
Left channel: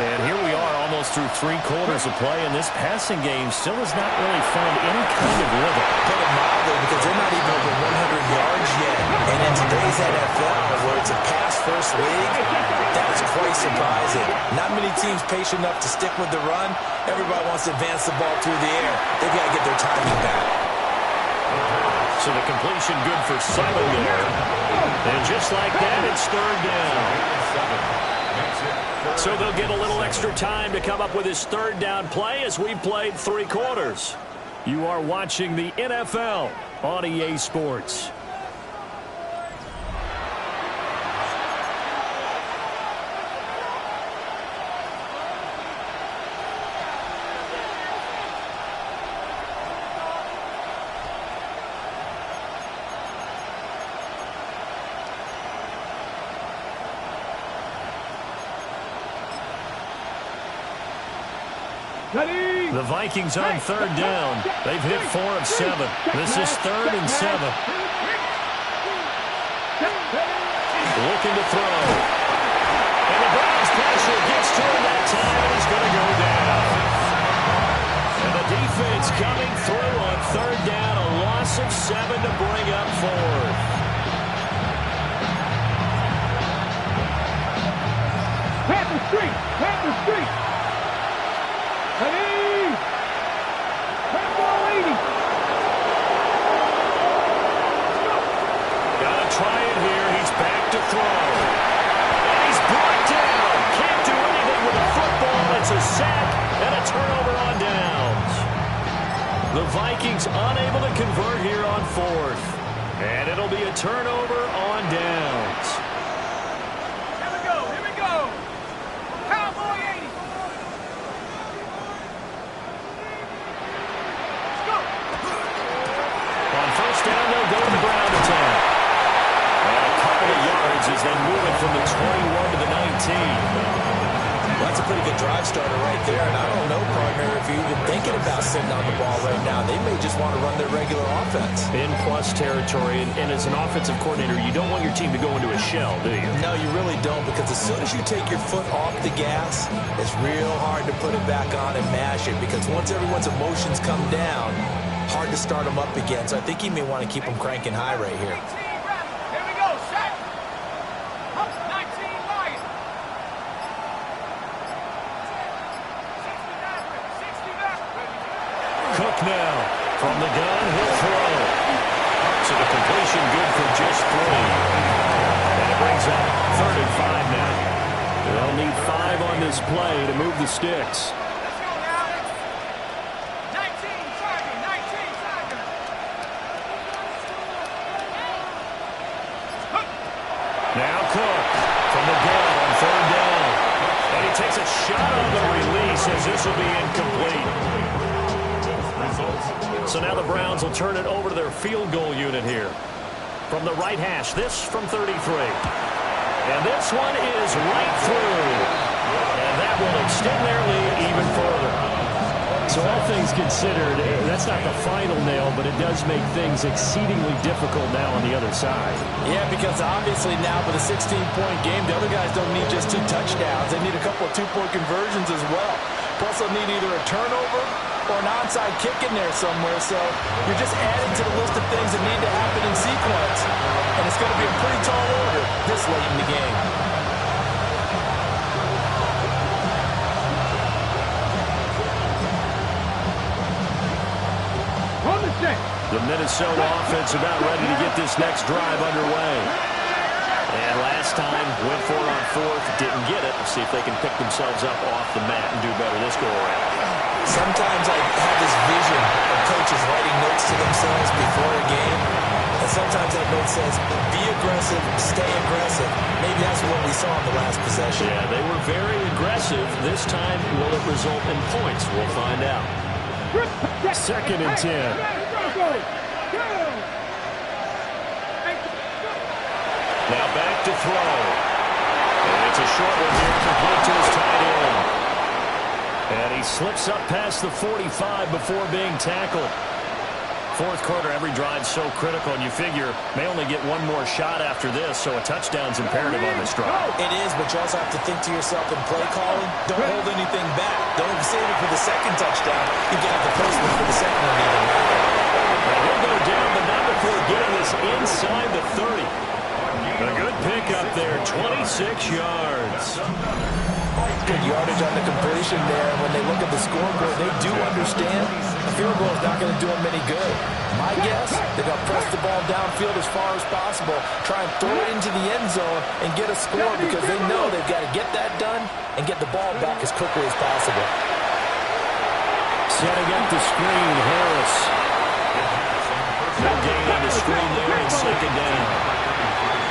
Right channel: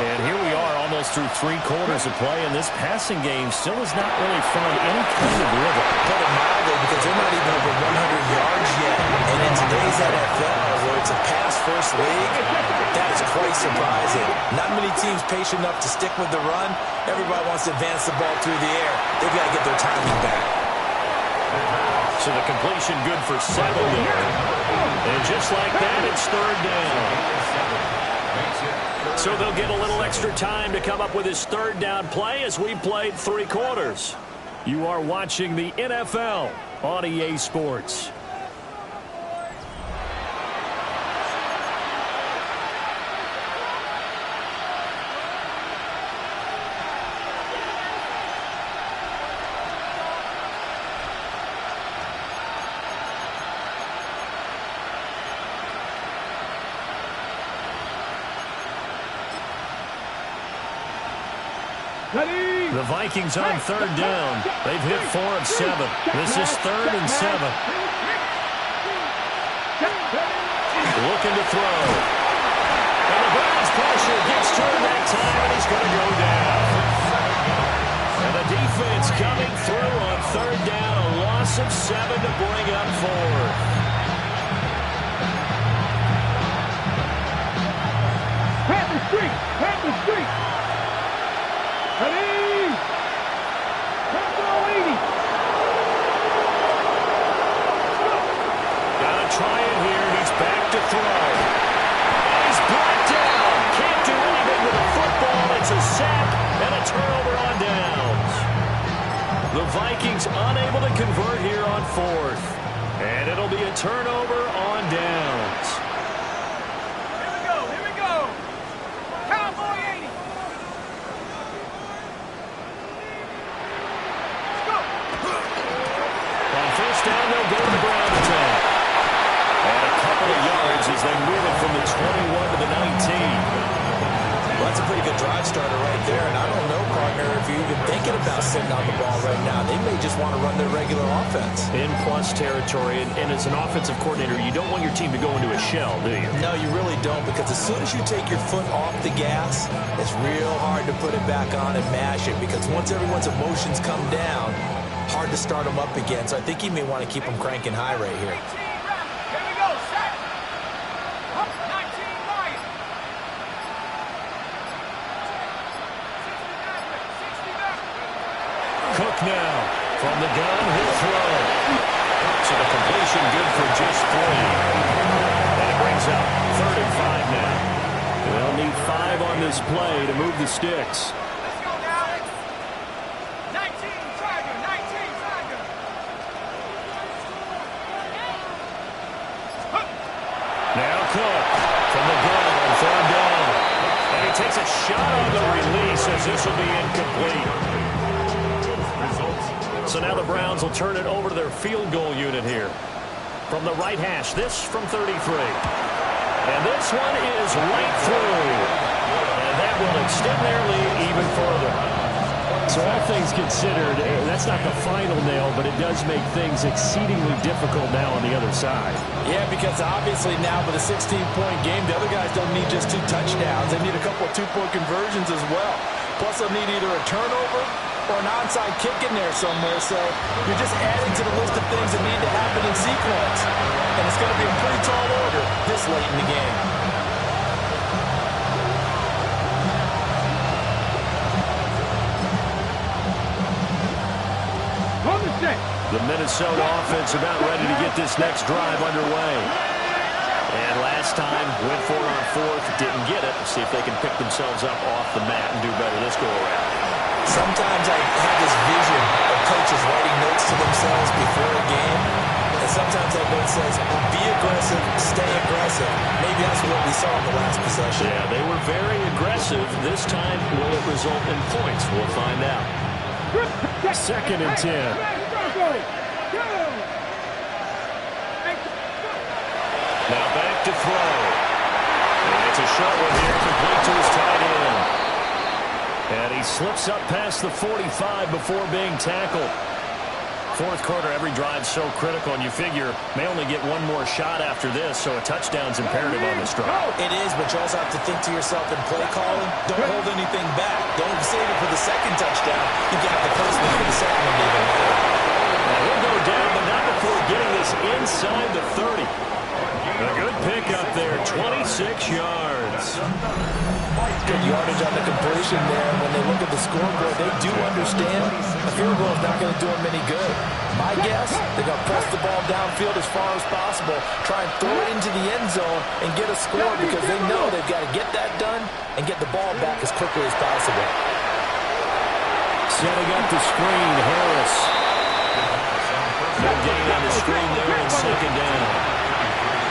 And here we are almost through 3 quarters of play, and this passing game still has not really found any kind of rhythm. Put it mildly, because they're not even over 100 yards yet. And in today's today's NFL, where it's a pass-first league, that is quite surprising. Not many teams patient enough to stick with the run. Everybody wants to advance the ball through the air. They've got to get their timing back. So the completion good for 7 there. And just like that, it's 3rd down. So they'll get a little extra time to come up with his 3rd down play as we played 3 quarters. You are watching the NFL on EA Sports. The Vikings on 3rd down. They've hit 4 of 7. This is 3rd and 7. Looking to throw. And the Browns pressure gets to him that time, and he's going to go down. And the defense coming through on 3rd down. A loss of 7 to bring up 4th. Panther Street! Panther Street! Ready! Purple 80! Gotta try it here. He's back to throw. And he's brought down. Can't do anything with a football. It's a sack and a turnover on downs. The Vikings unable to convert here on 4th. And it'll be a turnover on downs. Here we go! Cowboy 80! On 1st down, they'll go to the ground attack. And a couple of yards as they move it from the 21 to the 19. Well, that's a pretty good drive starter right there. And I don't know, partner, if you're even thinking about sitting on the ball right now. They may just want to run their regular offense. In plus territory. And as an offensive coordinator, you don't want your team to go into a shell, do you? No, you really don't, because as soon as you take your foot off the gas, it's real hard to put it back on and mash it, because once everyone's emotions come down, hard to start them up again. So I think he may want to keep them cranking high right here. Here we go, set! 19 Lion! 60 back! Cook now from the gun. He'll throw. So the completion good for just 3. And it brings up 3rd and 5 now. They'll need 5 on this play to move the sticks. Let's go now! 19 Tiger! 19 Tiger! Now Cook from the gun on 3rd down. And he takes a shot on the release as this will be incomplete. So now the Browns will turn it over to their field goal unit here. From the right hash, this from 33. And this one is right through. And that will extend their lead even further. So all things considered, that's not the final nail, but it does make things exceedingly difficult now on the other side. Yeah, because obviously now with a 16-point game, the other guys don't need just 2 touchdowns. They need a couple of 2-point conversions as well. Plus, they'll need either a turnover or an onside kick in there somewhere. So you're just adding to the list of things that need to happen in sequence. And it's going to be a pretty tall order this late in the game. The Minnesota offense about ready to get this next drive underway. And last time, went for it on 4th, didn't get it. See if they can pick themselves up off the mat and do better this go-around. Sometimes I have this vision of coaches writing notes to themselves before a game. And sometimes that note says, be aggressive, stay aggressive. Maybe that's what we saw in the last possession. Yeah, they were very aggressive. This time, will it result in points? We'll find out. 2nd and 10. Now back to throw. And it's a short one here, complete to his tight end. And he slips up past the 45 before being tackled. 4th quarter, every drive's so critical, and you figure may only get one more shot after this, so a touchdown's imperative on this drive. It is, but you also have to think to yourself in play calling, don't hold anything back. Don't save it for the 2nd touchdown. You got the 1st one for the 2nd one to even matter. Now he'll go down, but not before getting this inside the 30. pickup there, 26 yards. Good yardage on the completion there. When they look at the scoreboard, they do understand a field goal is not going to do them any good. My guess, they're going to press the ball downfield as far as possible, try and throw it into the end zone and get a score because they know they've got to get that done and get the ball back as quickly as possible. Setting up the screen, Harris. No gain on the screen there in second down.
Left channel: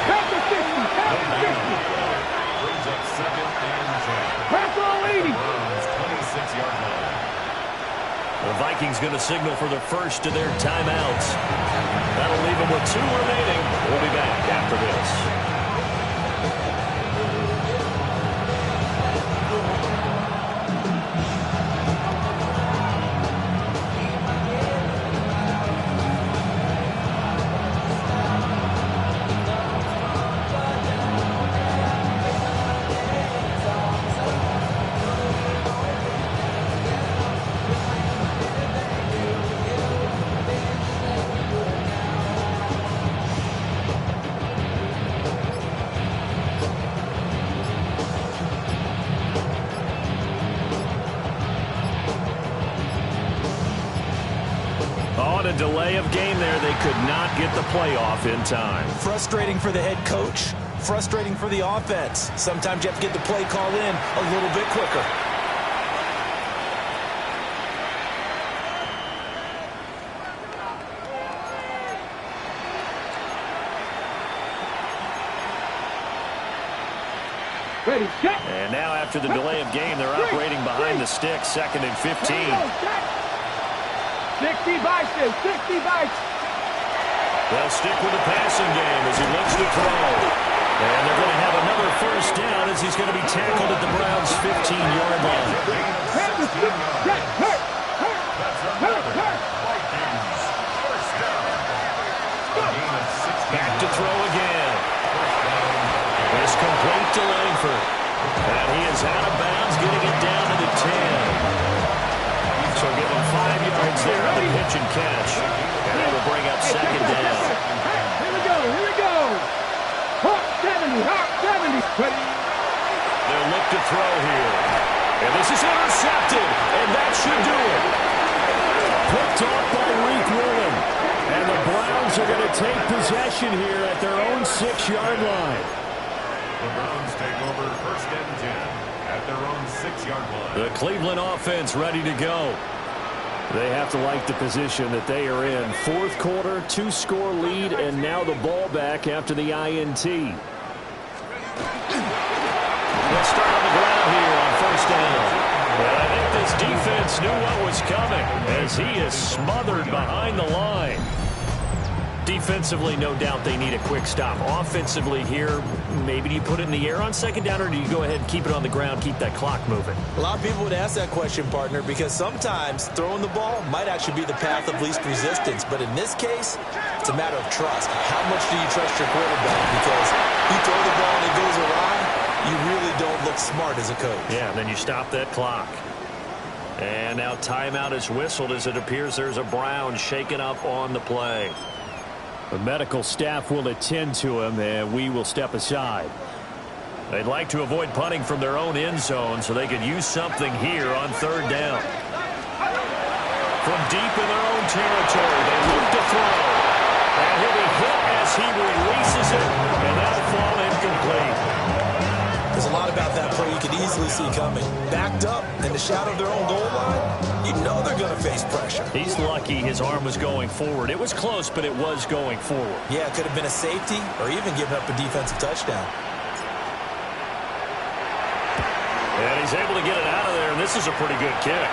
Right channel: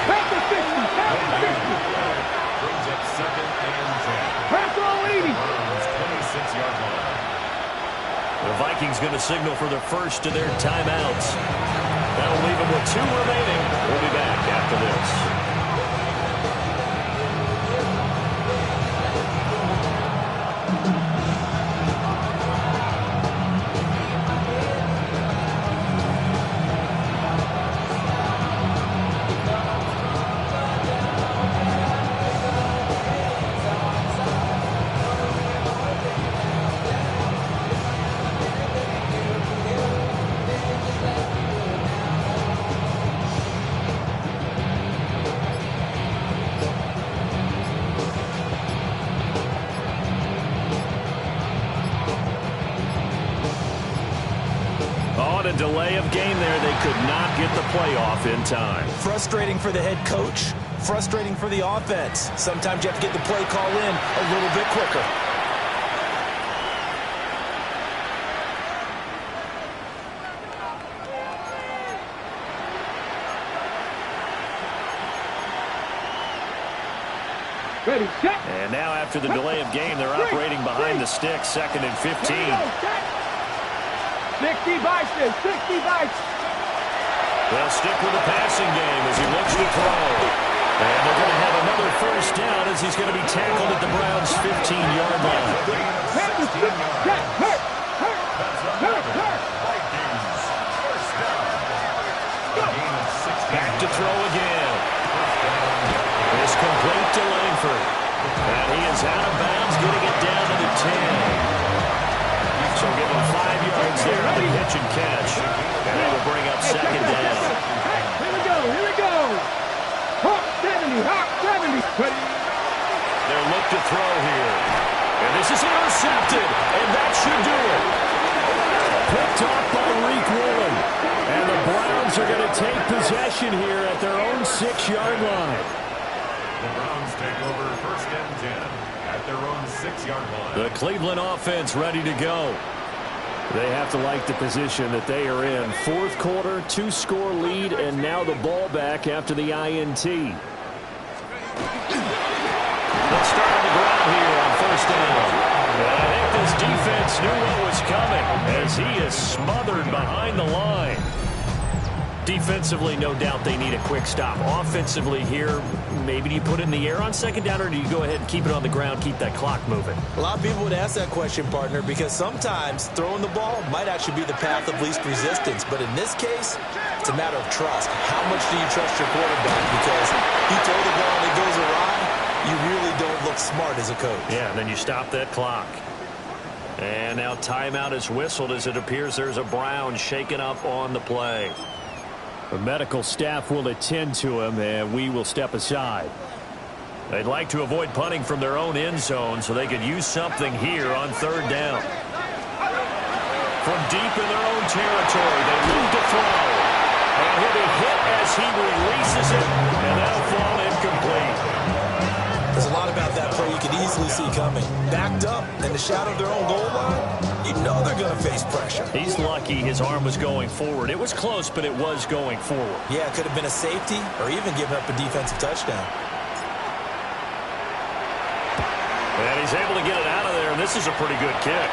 Back to 60. Back to 60. Brings up second and 10. Back all 80. Browns 26-yard line. The Vikings going to signal for the first of their timeouts. That'll leave them with 2 remaining. We'll be back after this. A delay of game there. They could not get the playoff in time. Frustrating for the head coach, frustrating for the offense. Sometimes you have to get the play call in a little bit quicker. Ready, set. And now after the delay of game, they're operating behind the sticks, 2nd and 15. 60 bites, 60 bites. They'll stick with the passing game as he looks to throw. And they're going to have another first down as he's going to be tackled at the Browns' 15-yard line. That's another Vikings first down. A gain of 16. Back to throw again. It's complete to Langford. And he is out of bounds, getting it down to the 10. So give him 5 yards there on the pitch and catch. And that will bring up second down. Here we go, here we go. Hawk 70, Hawk 70. They'll look to throw here. And this is intercepted. And that should do it. Picked off by Reek Woolen. And the Browns are going to take possession here at their own 6-yard line. The Browns take over first and 10 at their own 6-yard line. The Cleveland offense ready to go. They have to like the position that they are in. 4th quarter, 2-score lead, and now the ball back after the INT. They'll start on the ground here on first down. And I think this defense knew what was coming as he is smothered behind the line. Defensively, no doubt they need a quick stop. Offensively here, maybe do you put it in the air on second down, or do you go ahead and keep it on the ground, keep that clock moving? A lot of people would ask that question, partner, because sometimes throwing the ball might actually be the path of least resistance. But in this case, it's a matter of trust. How much do you trust your quarterback? Because you throw the ball and it goes awry, you really don't look smart as a coach. Yeah, and then you stop that clock. And now timeout is whistled as it appears there's a Brown shaken up on the play. The medical staff will attend to him, and we will step aside. They'd like to avoid punting from their own end zone so they could use something here on third down. From deep in their own territory, they look to throw. And he'll be hit as he releases it, and that'll fall incomplete. There's a lot about that play you could easily see coming. Backed up in the shadow of their own goal line, you know they're going to face pressure. He's lucky his arm was going forward. It was close, but it was going forward. Yeah, it could have been a safety or even given up a defensive touchdown. And he's able to get it out of there, and this is a pretty good kick.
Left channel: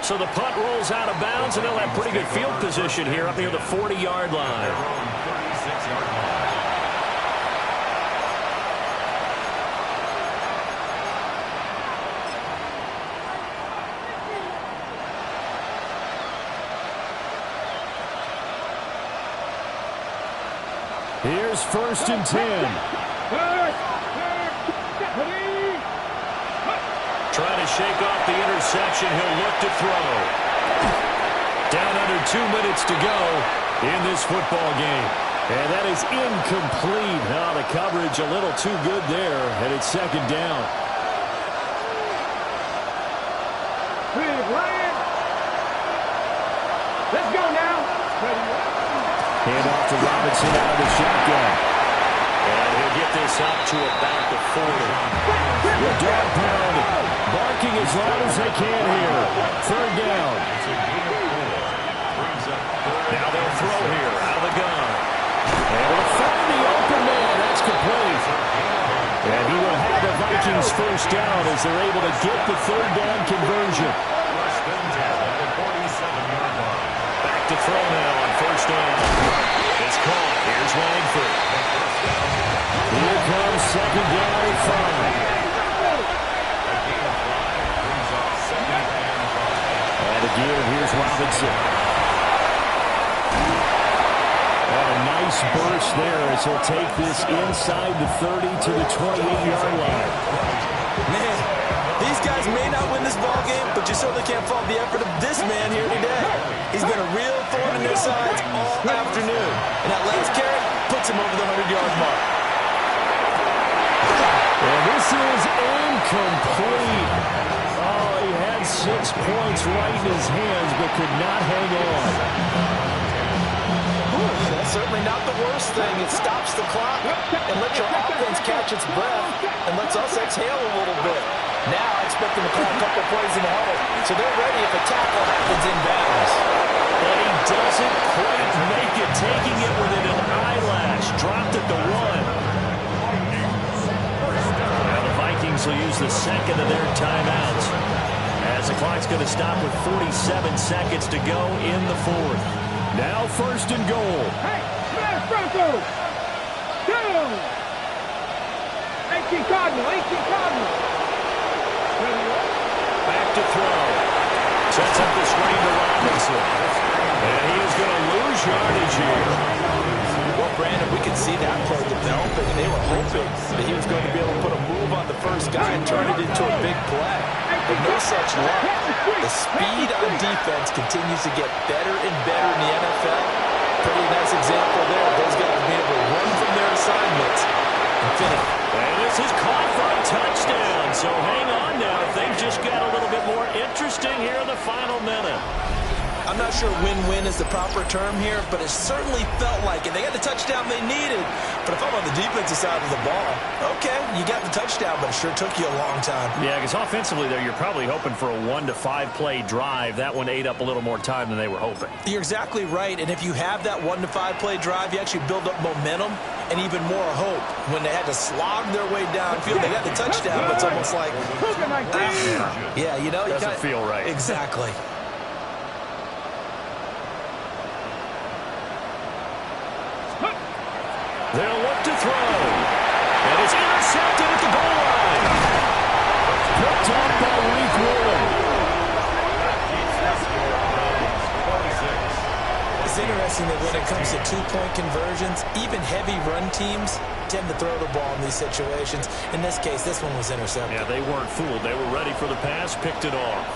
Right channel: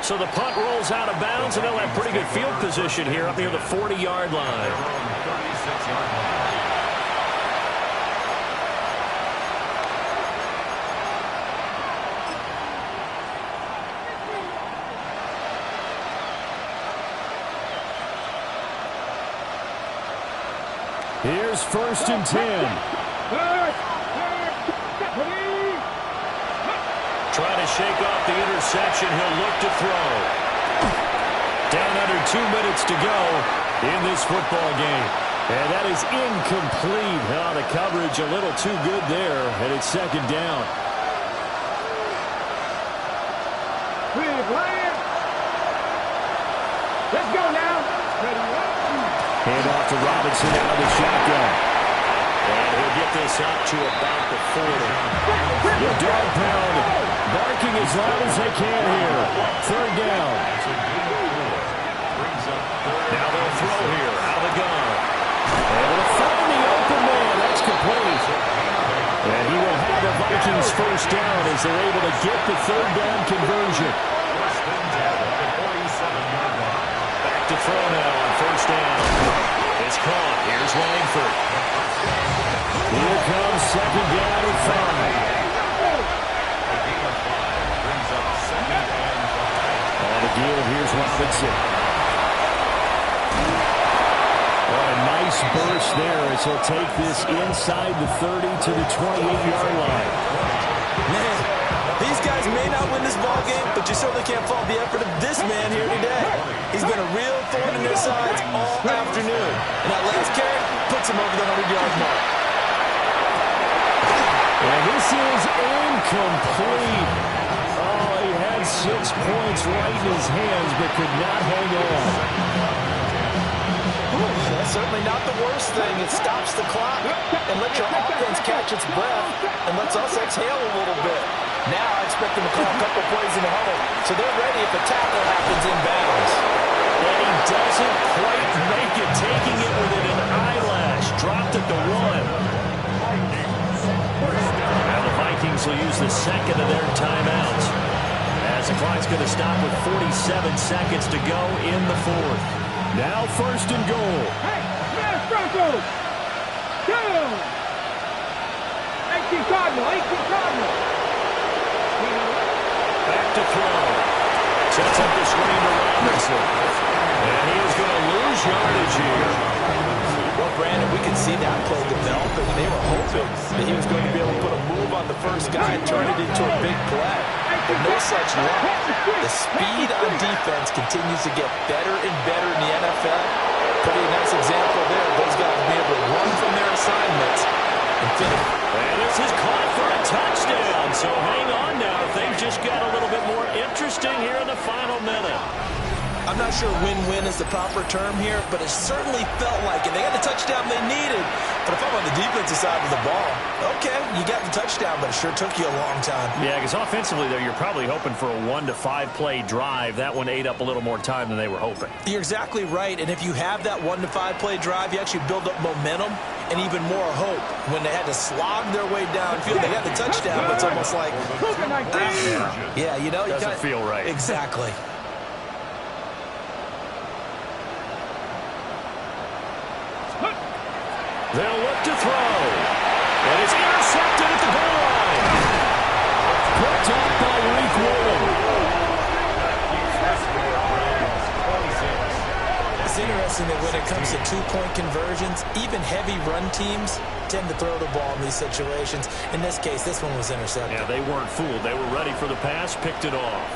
So the punt rolls out of bounds, and they'll have pretty good field position here up near the 40-yard line. Their own 36-yard line. Here's first and 10. Trying to shake off the interception. He'll look to throw. Down under 2 minutes to go in this football game. And that is incomplete. Oh, the coverage a little too good there, and it's second down. Big Lion. Let's go now. Ready, right? Hand off to Robinson out of the shotgun. And he'll get this up to about the 40. The dog pound barking as loud as they can here. Third down. Now they'll throw here out of the gun. Able to find the open man. That's complete. And he will have the Vikings first down as they're able to get the third down conversion. First and 10 at the 47-yard line. Back to throw now on first down. It's caught. Here's Langford. Here comes second down and 5. A gain of 5 brings up second and 5. On the give, here's Robinson. Oh, a nice burst there as he'll take this inside the 30 to the 28-yard line. Man, these guys may not win this ball game, but you certainly can't fault the effort of this man here today. He's been a real thorn in their sides all afternoon. And that last carry puts him over the 100-yard mark. And this is incomplete. Oh, he had 6 points right in his hands, but could not hang on. That's certainly not the worst thing. It stops the clock and lets your offense catch its breath and lets us exhale a little bit. Now I expect them to call a couple plays in the huddle, so they're ready if a tackle happens in bounds. And he doesn't quite make it, taking it within an eyelash. Dropped at the 1. Now the Vikings will use the second of their timeouts, as the clock's going to stop with 47 seconds to go in the fourth. Now first and goal. Hey, smash Broncos. Down. 18 Cardinal. Back to throw. Sets up the screen to Robinson. And he is going to lose yardage here. Well, Brandon, we could see that play developing, and they were hoping that he was going to be able to put a move on the first guy and turn it into a big play. But no such luck. The speed on defense continues to get better and better in the NFL. Pretty nice example there. Those guys being able to run from their assignments and finish. And this is caught for a touchdown. So hang on now. Things just got a little bit more interesting here in the final minute. I'm not sure win-win is the proper term here, but it certainly felt like it. They got the touchdown they needed, but if I'm on the defensive side of the ball, okay, you got the touchdown, but it sure took you a long time. Yeah, because offensively there, you're probably hoping for a 1 to 5 play drive. That one ate up a little more time than they were hoping. You're exactly right, and if you have that 1 to 5 play drive, you actually build up momentum and even more hope. When they had to slog their way downfield, they got the touchdown, but it's almost like, yeah, you know, doesn't feel right. Exactly. They'll look to throw. And it's intercepted at the goal line. Picked up by Reek Woolen. It's interesting that when it comes to two-point conversions, even heavy run teams tend to throw the ball in these situations. In this case, this one was intercepted. Yeah, they weren't fooled. They were ready for the pass, picked it off.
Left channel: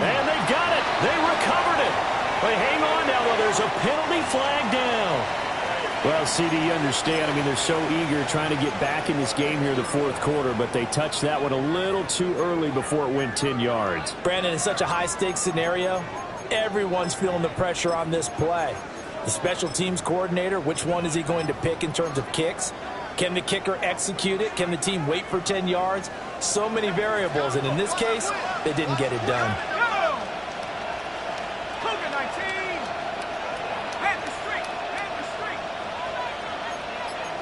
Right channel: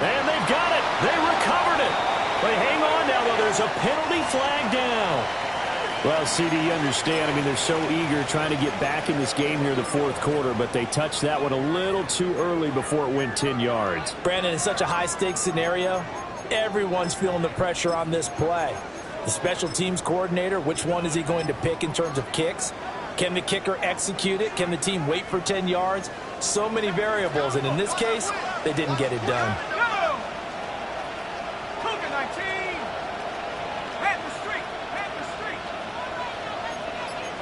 And they've got it. They recovered it. But hang on now, though. There's a penalty flag down. Well, CD, you understand. I mean, they're so eager trying to get back in this game here in the fourth quarter, but they touched that one a little too early before it went 10 yards. Brandon, in such a high-stakes scenario, everyone's feeling the pressure on this play. The special teams coordinator, which one is he going to pick in terms of kicks? Can the kicker execute it? Can the team wait for 10 yards? So many variables, and in this case, they didn't get it done. Cougar 19. Panther Street.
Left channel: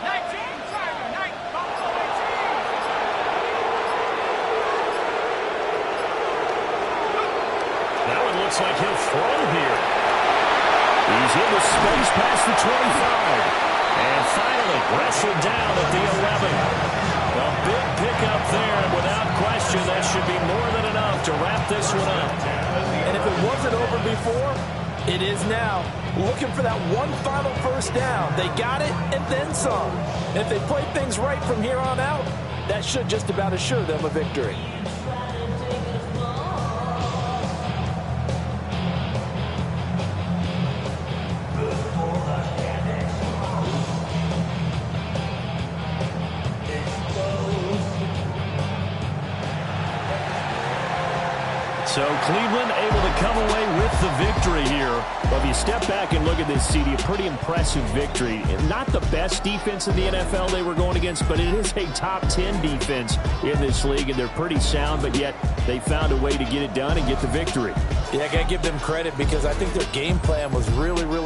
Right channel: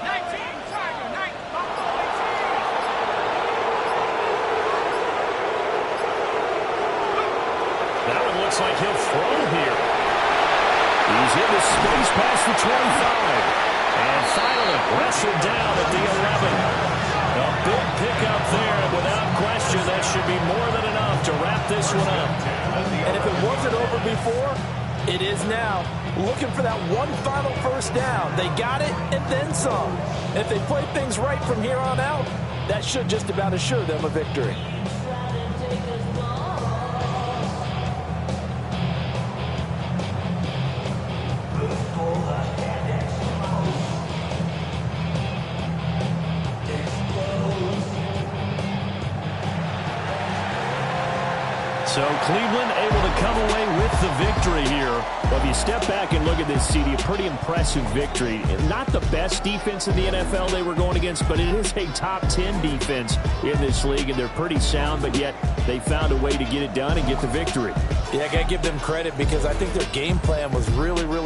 19, Tiger, 19, Buffalo 18. That one looks like he'll throw here. He's into space past the 25. And finally wrestled down at the 11. A big pickup there, and without question, that should be more than enough to wrap this one up. And if it wasn't over before, it is now. Looking for that one final first down. They got it and then some. And if they play things right from here on out, that should just about assure them a victory. So Cleveland able to come away with the victory here. Well, if you step back and look at this, CD, a pretty impressive victory. Not the best defense in the NFL they were going against, but it is a top 10 defense in this league, and they're pretty sound, but yet they found a way to get it done and get the victory. Yeah, I got to give them credit because I think their game plan was really